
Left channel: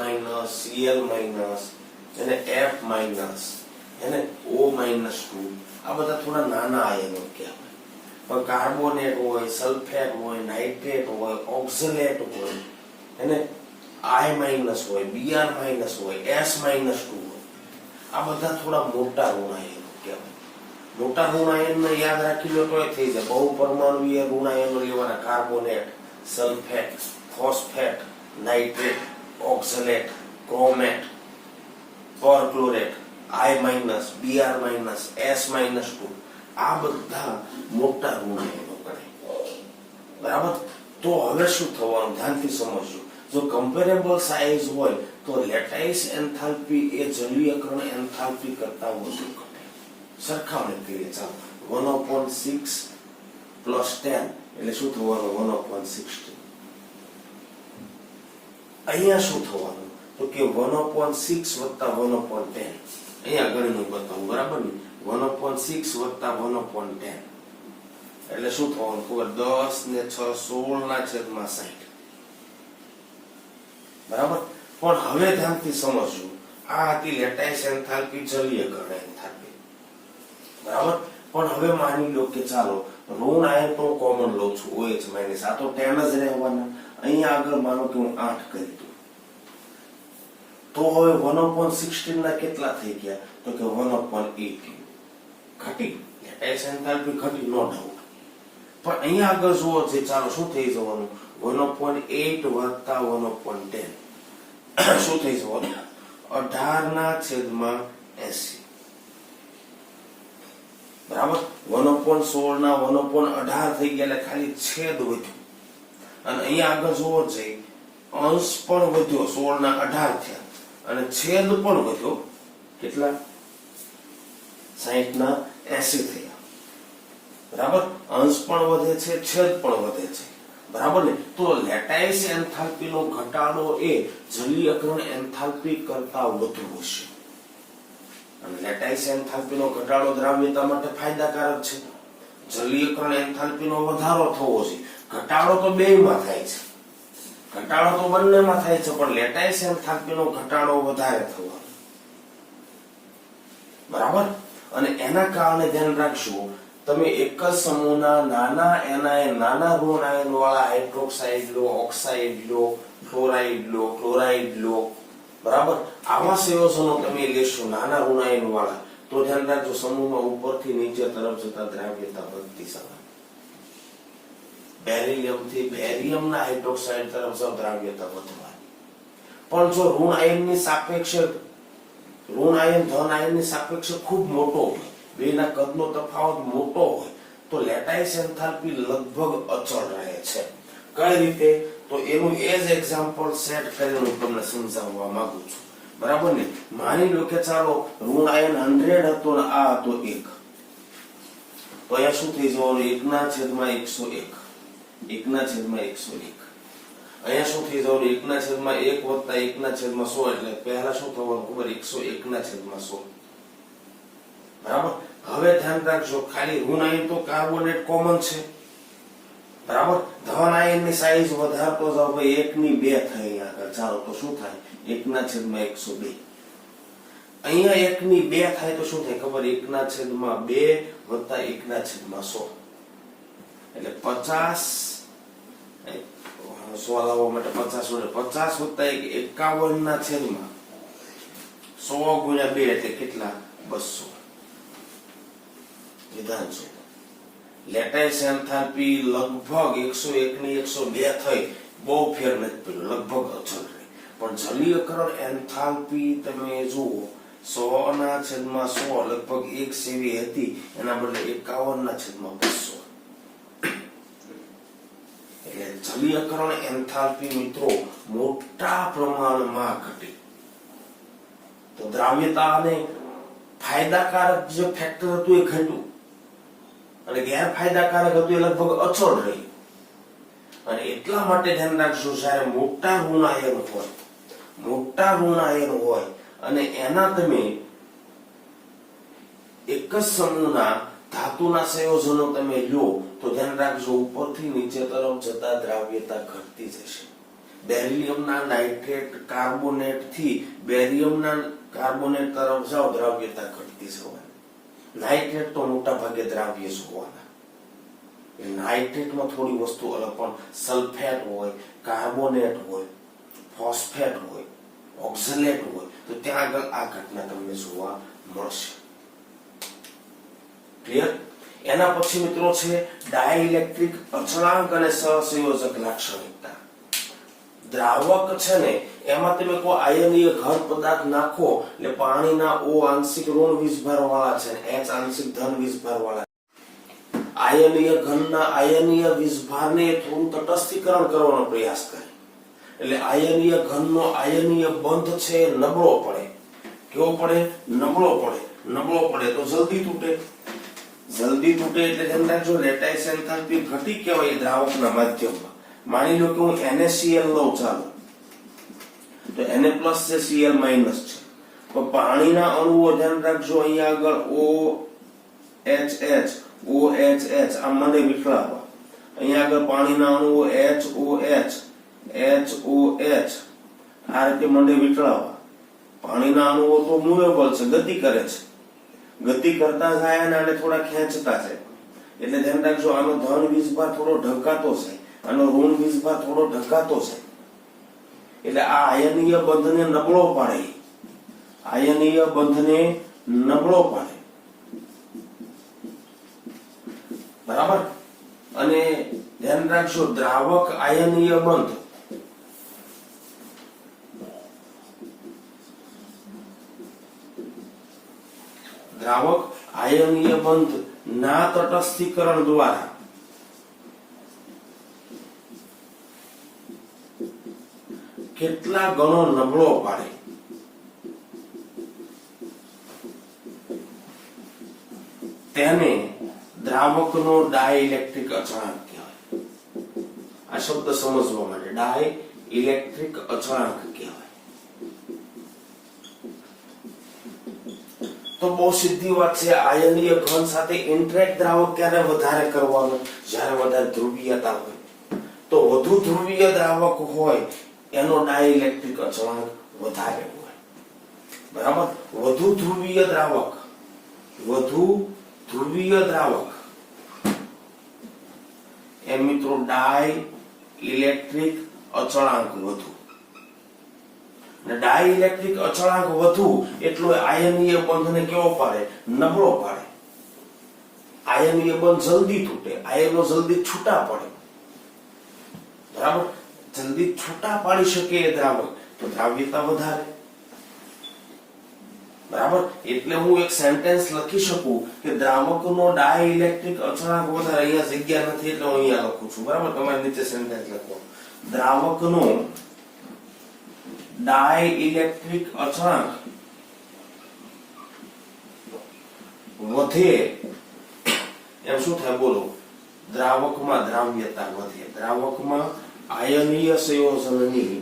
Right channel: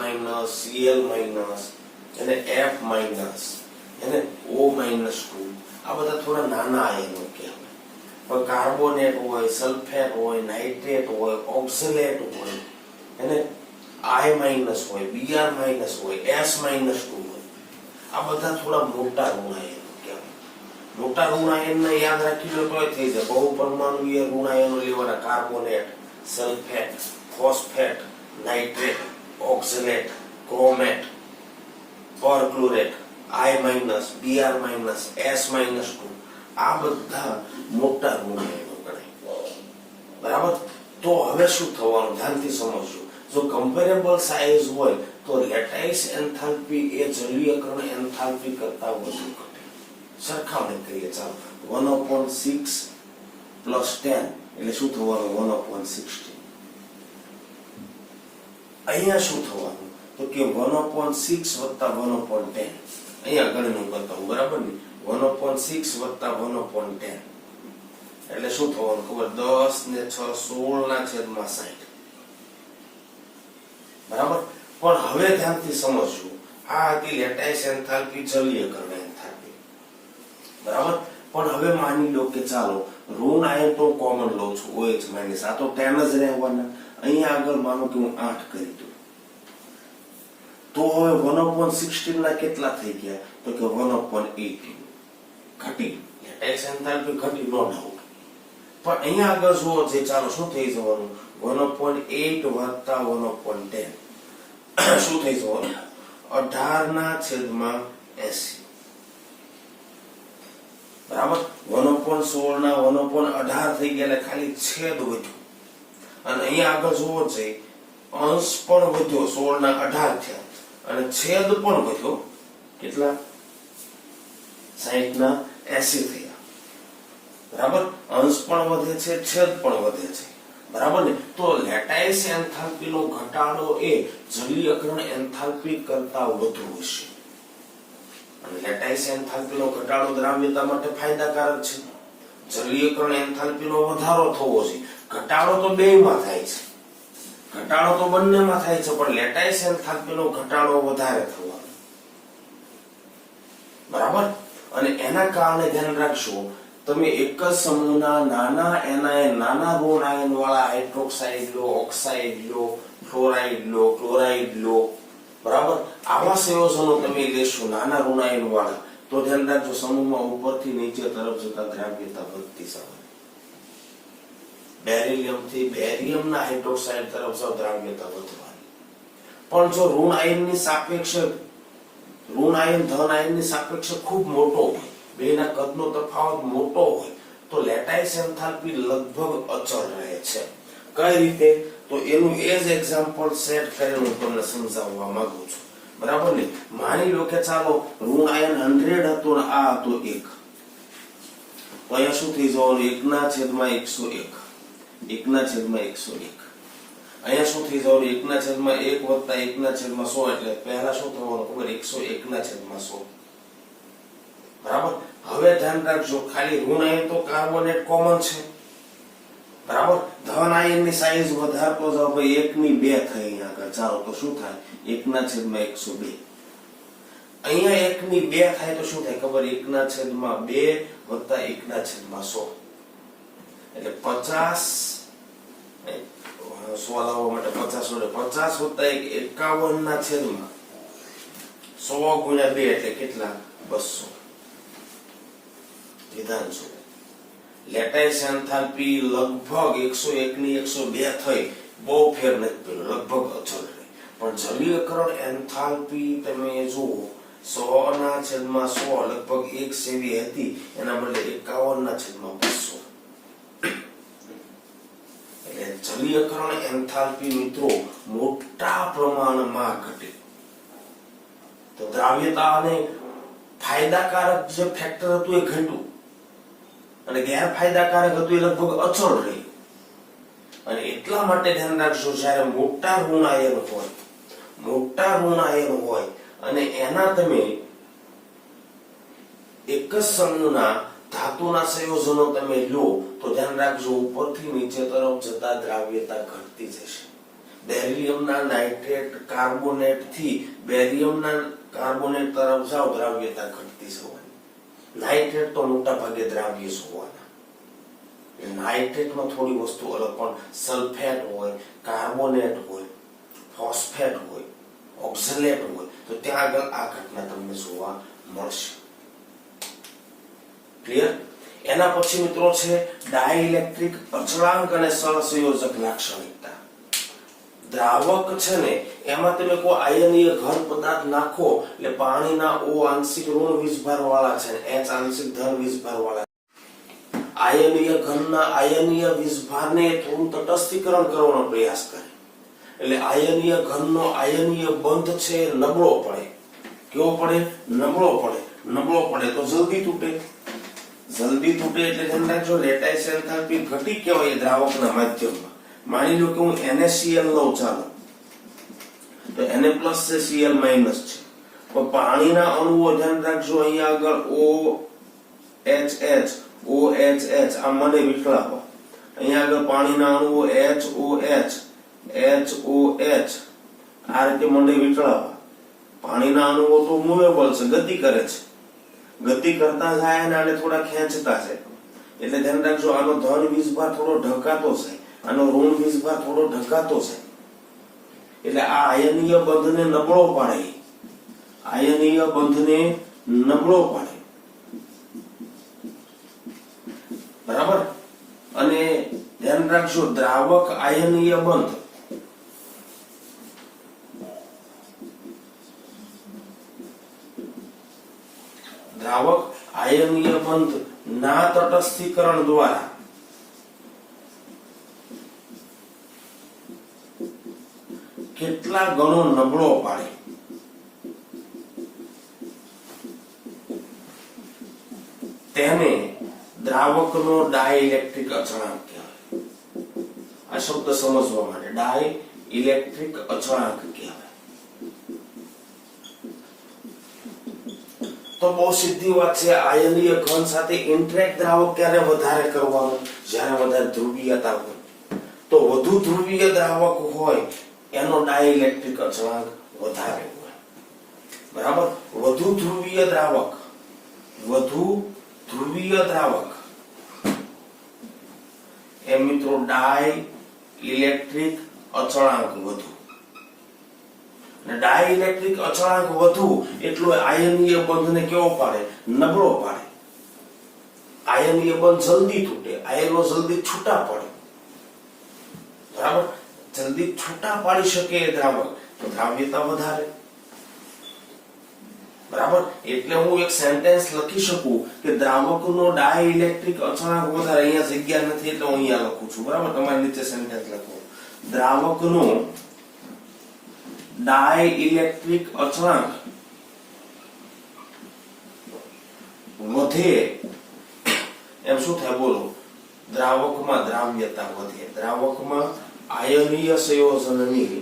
એને F- એને O-2, આ બધા થોડા નાના આયનો કહેવાય. પણ કાર્બોનેટ હોય, સલ્ફેટ હોય, નાઇટ્રેટ હોય, ઓક્ઝલેટ હોય, એને I- હોય, Br- હોય, S- હોય, આ બધા થોડા મોટા ઋણ આયનો કહેવાય. મોટા ઋણ આયનને યાદ રાખી લો તો થઈ જાય. બહુ પરમાણુય ઋણ આયનો લેવાના: carbonate, sulphate, phosphate, nitrate, oxalate, chromate, perchlorate, I-, Br-, S-2, આ બધા મોટા ઋણ આયનો ગણાય, બરાબર. તો હવે શું થવાનું? ધ્યાનથી સમજજો. જો કમ્પેરેબલ સાઇઝ હોય તો લેટાઇસ એન્થાલ્પી એ જલીયકરણ એન્થાલ્પી કરતા વધુ ઘટે. સરખામણી કરીએ ચાલો. 1/6 + 10 એટલે શું થવાનું? 1/16. અહીંયા શું થવાનું? તો કે 1/6 + 1/10. અહીંયા ગણનું બતાવું, બરાબર ને? 1/6 + 1/10 એટલે શું થવાનું ખબર? 10 ને 6 16/60. બરાબર. પણ હવે ધ્યાનથી સમજવું. આ હતી લેટાઇસ એન્થાલ્પી, જલીયકરણ એન્થાલ્પી, બરાબર. પણ હવે માની લો કે ચાલો ઋણ આયન તો કોમન લો છું, OH- આ તો 10 જ રહેવાના. અહીંયા આગળ માનો કે હું 8 કરી દઉં, તો હવે 1/16 ના કેટલા થઈ ગયા? તો કે 1/18. ઘટી, લેટાઇસ એન્થાલ્પી ઘટી, નો ડાઉટ. પણ અહીંયા આગળ જુઓ જે, ચાલો શું થઈ જવાનું? 1/8 + 1/10 શું થઈ જવાનું? 18/80. બરાબર. 1/16 ના 1/18 થઈ ગયા એટલે ખાલી છેદ વધ્યો. અને અહીંયા આગળ જુઓ છે અંશ પણ વધ્યો, 16/18 થયા અને છેદ પણ વધ્યો. કેટલા? 60/80 થયા. બરાબર. અંશ પણ વધે છે, છેદ પણ વધે છે, બરાબર ને? તો લેટાઇસ એન્થાલ્પીનો ઘટાડો એ જલીયકરણ એન્થાલ્પી કરતા વધુ હશે. અને લેટાઇસ એન્થાલ્પીનો ઘટાડો દ્રાવ્યતા માટે ફાયદાકારક છે. જલીયકરણ એન્થાલ્પીનો વધારો થવો છે. ઘટાડો તો બેયમાં થાય છે, ઘટાડો તો બંનેમાં થાય છે, પણ લેટાઇસ એન્થાલ્પીનો ઘટાડો વધારે થવાનો, બરાબર. અને એના કારણે ધ્યાન રાખશો, તમે એક જ સમૂહના નાના નાના ઋણ આયન વાળા હાઇડ્રોક્સાઇડ લો, ઓક્સાઇડ લો, ફ્લોરાઇડ લો, ક્લોરાઇડ લો, બરાબર. આવા સંયોજનો તમે લેશો નાના ઋણ આયન વાળા, તો ધ્યાન રાખજો સમૂહમાં ઉપરથી નીચે તરફ જતા દ્રાવ્યતા વધતી જાય. બેરિલિયમ થી બેરિયમના હાઇડ્રોક્સાઇડ તરફ જાવ, દ્રાવ્યતા વધવાની. પણ જો ઋણ આયનની સાપેક્ષે ઋણ આયન ધન આયનની સાપેક્ષે ખૂબ મોટો હોય, બેના કદનો તફાવત મોટો હોય, તો લેટાઇસ એન્થાલ્પી લગભગ અચળ રહે છે. કઈ રીતે? તો એનું એ જ એક્ઝામ્પલ સેટ કરીને હું તમને સમજાવવા માંગુ છું, બરાબર ને? માની લો કે ચાલો ઋણ આયન 100 હતો ને આ હતો 1, તો અહીંયા શું થઈ જવાનું? 1/101. 1/101. અહીંયા શું થઈ જવાનું? 1/1 + 1/100 એટલે પહેલા શું થવાનું ખબર? 101/100. બરાબર. હવે ધ્યાન રાખજો, ખાલી ઋણ આયન તો કાર્બોનેટ કોમન છે, બરાબર. ધન આયનની સાઈઝ વધારતો જાવ, ભાઈ 1/2 થાય અહીંયા આગળ. ચાલો તો શું થાય? 1/102. અહીંયા 1/2 થાય તો શું થાય ખબર? 1/2 + 1/100 એટલે 50. 100 લાવવા માટે 50 + 1 51/100 × 2 એટલે કેટલા? 200. વિધાન શું? લેટાઇસ એન્થાલ્પી લગભગ 101/102 થઈ, બહુ ફેર નથી પડ્યો, લગભગ અચળ રહી. પણ જલીયકરણ એન્થાલ્પી તમે જુઓ 100/100 લગભગ 1 સેવી હતી, એના બદલે 51/200. એટલે જલીયકરણ એન્થાલ્પી મિત્રો મોટા પ્રમાણમાં ઘટી. તો દ્રાવ્યતા અને ફાયદાકારક જે ફેક્ટર હતું એ ઘટ્યું અને ગેરફાયદાકારક હતું એ લગભગ અચળ રહી. અને એટલા માટે ધ્યાન રાખજો, જ્યારે મોટા ઋણ આયન હોય અને એના તમે એક જ સમૂહના ધાતુના સંયોજનો તમે લો તો ધ્યાન રાખજો, ઉપરથી નીચે તરફ જતા દ્રાવ્યતા ઘટતી જશે. બેરિયમના નાઇટ્રેટ કાર્બોનેટ થી બેરિયમના કાર્બોનેટ તરફ જાઓ, દ્રાવ્યતા ઘટતી જવાની. નાઇટ્રેટ તો મોટા ભાગે દ્રાવ્ય જ હોવાના. નાઇટ્રેટમાં થોડી વસ્તુ અલગ, પણ સલ્ફેટ હોય, કાર્બોનેટ હોય, ફોસ્ફેટ હોય, ઓક્ઝલેટ હોય, તો ત્યાં આગળ આ ઘટના તમને જોવા મળશે. ક્લિયર? એના પછી મિત્રો છે ડાઇલેક્ટ્રિક અચળાંક અને સહસંયોજક લાક્ષણિકતા. દ્રાવક છે ને એમાં તમે કોઈ આયનીય ઘન પદાર્થ નાખો એટલે પાણીના O આંશિક ઋણ વીજભાર વાળા છે, H આંશિક ધન વીજભાર વાળા. આયનીય ઘનના આયનીય વીજભારને થોડું તટસ્થીકરણ કરવાનો પ્રયાસ કરે, એટલે આયનીય ઘનનો આયનીય બંધ છે નબળો પડે. કેવો પડે? નબળો પડે. નબળો પડે તો જલ્દી તૂટે. જલ્દી તૂટે એટલે ધ્યાન રાખજો, લેટાઇસ એન્થાલ્પી ઘટી કહેવાય દ્રાવકના માધ્યમમાં. માની લો કે હું NaCl લઉં, ચાલો, તો Na પ્લસ છે, Cl માઇનસ છે, તો પાણીના અણુઓ ધ્યાન રાખજો અહીંયા આગળ OHH આ મને વિખરાવવા. અહીંયા આગળ પાણીના અણુઓ HOH આ રીતે મને વિખરાવવા. પાણીના અણુઓ તો મૂવેબલ છે, ગતિ કરે છે, ગતિ કરતા જાય અને થોડા ખેંચતા છે. એટલે ધ્યાન રાખજો, આનો ધન વીજભાર થોડો ઢકાતો જાય, આનો ઋણ વીજભાર થોડો ઢકાતો જાય. એટલે આ આયનીય બંધને નબળો પાડે. આયનીય બંધને નબળો પાડે. બરાબર? અને ધ્યાન રાખજો, દ્રાવક આયનીય બંધ ના તટસ્થીકરણ દ્વારા કેટલા ગણો નબળો પાડે. તેને દ્રાવકનો ડાઇલેક્ટ્રિક અચળાંક કહેવાય. આ શબ્દ સમજવા માટે ડાઇલેક્ટ્રિક અચળાંક કહેવાય. તો બહુ સીધી વાત છે. આયનીય ઘન સાથે ઇન્ટરેક્ટ દ્રાવક ક્યારે વધારે કરવાનું? જ્યારે વધારે ધ્રુવીયતા હોય. તો વધુ ધ્રુવીય દ્રાવક હોય એનો ડાઇલેક્ટ્રિક અચળાંક વધારે હોય. બરાબર? વધુ ધ્રુવીય દ્રાવક એમ મિત્રો ડાઇલેક્ટ્રિક અચળાંક વધુ. ડાઇલેક્ટ્રિક અચળાંક વધુ એટલો આયનીય બંધને કેવો પાડે? નબળો પાડે. આયનીય બંધ જલ્દી તૂટે, આયનો જલ્દી છૂટા પડે. બરાબર? જલ્દી છૂટા પાડી શકે એ દ્રાવક, તો દ્રાવ્યતા વધારે. બરાબર? એટલે હું એક સેન્ટેન્સ લખી શકું કે દ્રાવકનો ડાઇલેક્ટ્રિક અચળાંક વધારે. અહીંયા જગ્યા નથી એટલે હું અહીંયા લખું છું. બરાબર? તમારી નીચે સેન્ટેન્સ લખો, દ્રાવકનો ડાઇલેક્ટ્રિક અચળાંક વધે એમ શું થાય? બોલો. દ્રાવકમાં દ્રાવ્યતા વધે. દ્રાવકમાં આયનીય સંયોજનની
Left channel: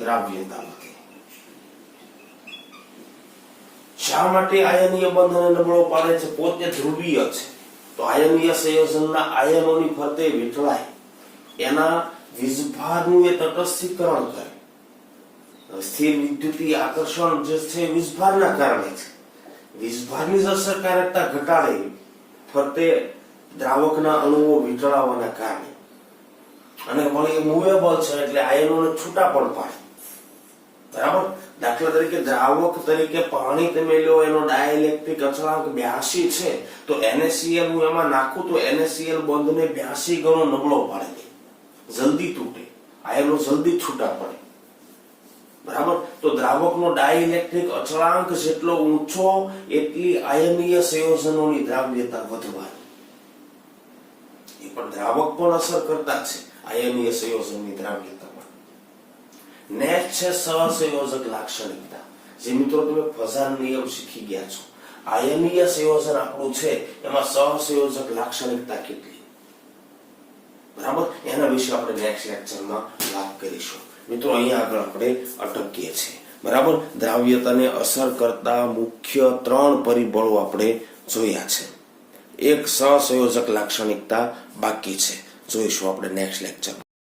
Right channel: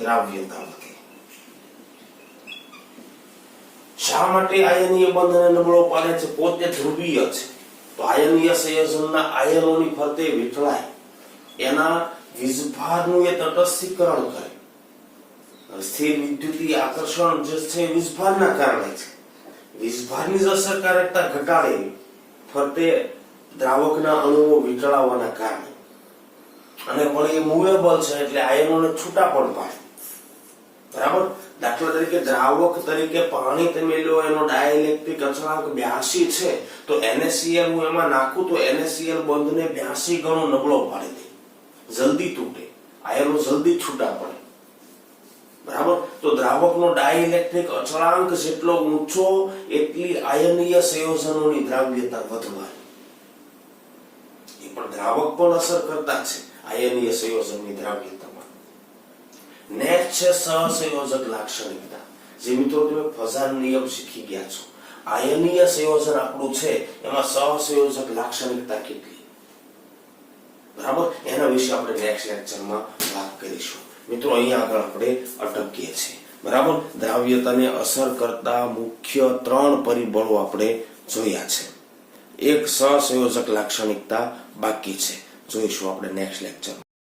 દ્રાવ્યતા વધે. શા માટે આયનીય બંધને નબળો પાડે છે? પોતે ધ્રુવીય છે તો આયનીય સંયોજનના આયનોની ફરતે વીંટળાય, એના વીજભારનું એ તટસ્થીકરણ કરે. સ્થિર વિદ્યુતીય આકર્ષણ જે છે વીજભારના કારણે છે. વીજભારની જ અસરકારકતા ઘટાડે ફરતે દ્રાવકના અણુઓ વીંટળાવવાના કારણે. અને વળી એ મૂવેબલ છે એટલે આયનોને છૂટા પણ પાડે. બરાબર? દાખલા તરીકે દ્રાવક તરીકે પાણી તમે લો, એનો ડાઇલેક્ટ્રિક અચળાંક 82 છે, તો NaCl હું એમાં નાખું તો NaCl બંધને 82 ગણો નબળો પાડી દે, જલ્દી તૂટે, આયનો જલ્દી છૂટા પડે. બરાબર. તો દ્રાવકનો ડાઇલેક્ટ્રિક અચળાંક જેટલો ઊંચો એટલી આયનીય સંયોજનોની દ્રાવ્યતા વધવાની. એ પણ દ્રાવક પણ અસર કરતા છે આયનીય સંયોજનની દ્રાવ્યતામાં. નેક્સ્ટ છે સહસંયોજક લાક્ષણિકતા. જે મિત્રો તમે ફઝાન નિયમ શીખી ગયા છો. આયનીય સંયોજન આપણું છે એમાં સહસંયોજક લાક્ષણિકતા કેટલી, બરાબર, એના વિશે આપણે નેક્સ્ટ લેક્ચરમાં વાત કરીશું. મિત્રો અહીંયા આગળ આપણે અટકીએ છીએ. બરાબર. દ્રાવ્યતાને અસર કરતા મુખ્ય 3 પરિબળો આપણે જોયા છે. એક સહસંયોજક લાક્ષણિકતા બાકી છે, જોઈશું આપણે નેક્સ્ટ લેક્ચર.